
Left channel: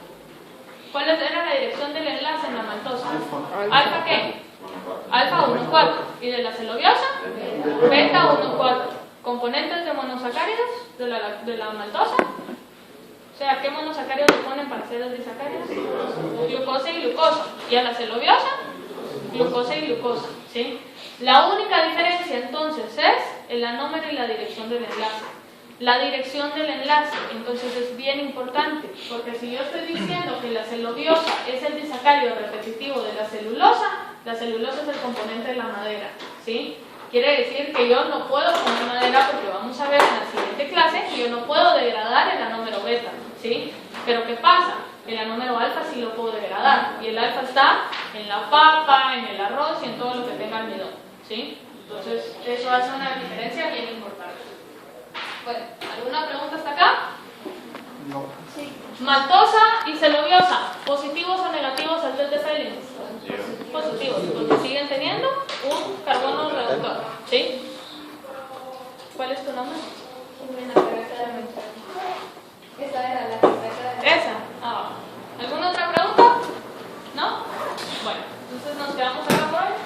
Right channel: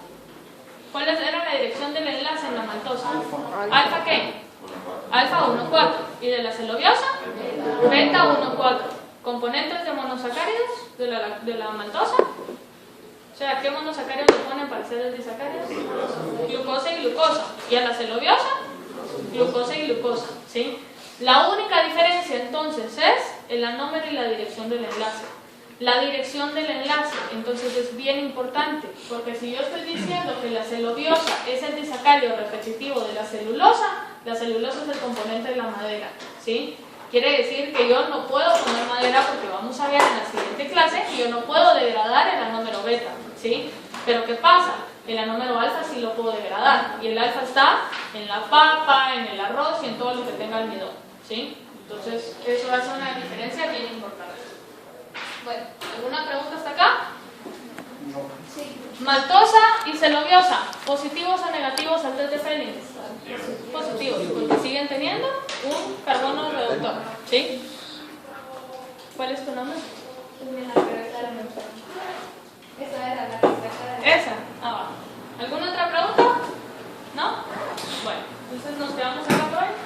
¿Cuál era la dirección del enlace en la maltosa? ¿Alfa qué? Alfa 1,4. ¿Y de la celuliosa? Beta 1,4. ¿Componentes de monosacáridos de la maltosa? O sea, ¿qué monosacáridos le ponen para hacer el disacáridos? Glucosa y glucosa. ¿Y a la celuliosa? Glucosa y glucosa, ¿sí? La única diferencia entonces es el anómero y la dirección del enlace. La dirección del enlace, entonces, es bien importante, porque si yo estoy diciendo que la celuliosa es el disacárido repetitivo de la celulosa es el componente de la madera, ¿sí? Quiere decir que yo no puedo poner madera, porque vamos a ver en la siguiente clase que yo no puedo degradar el anómero beta, ¿sí? Pero ¿qué pasa? El anómero alfa sí lo puedo degradar, y el alfa está en la papa, en el arroz y en todo lo que tenga almidón, ¿sí? Entonces, eso hace una diferencia bien importante. Bueno, ¿alguna pregunta hasta acá? No. Sí. Maltosa y celuliosa, ¿positivos o negativos al test de Fehling? Positivos, porque siguen teniendo un carbono reductor, ¿sí? ¿Cuál es tu nombre? Esa era la que Esa, abajo. ¿Alguna otra pregunta? ¿No? Bueno, entonces nos quedamos acá por hoy.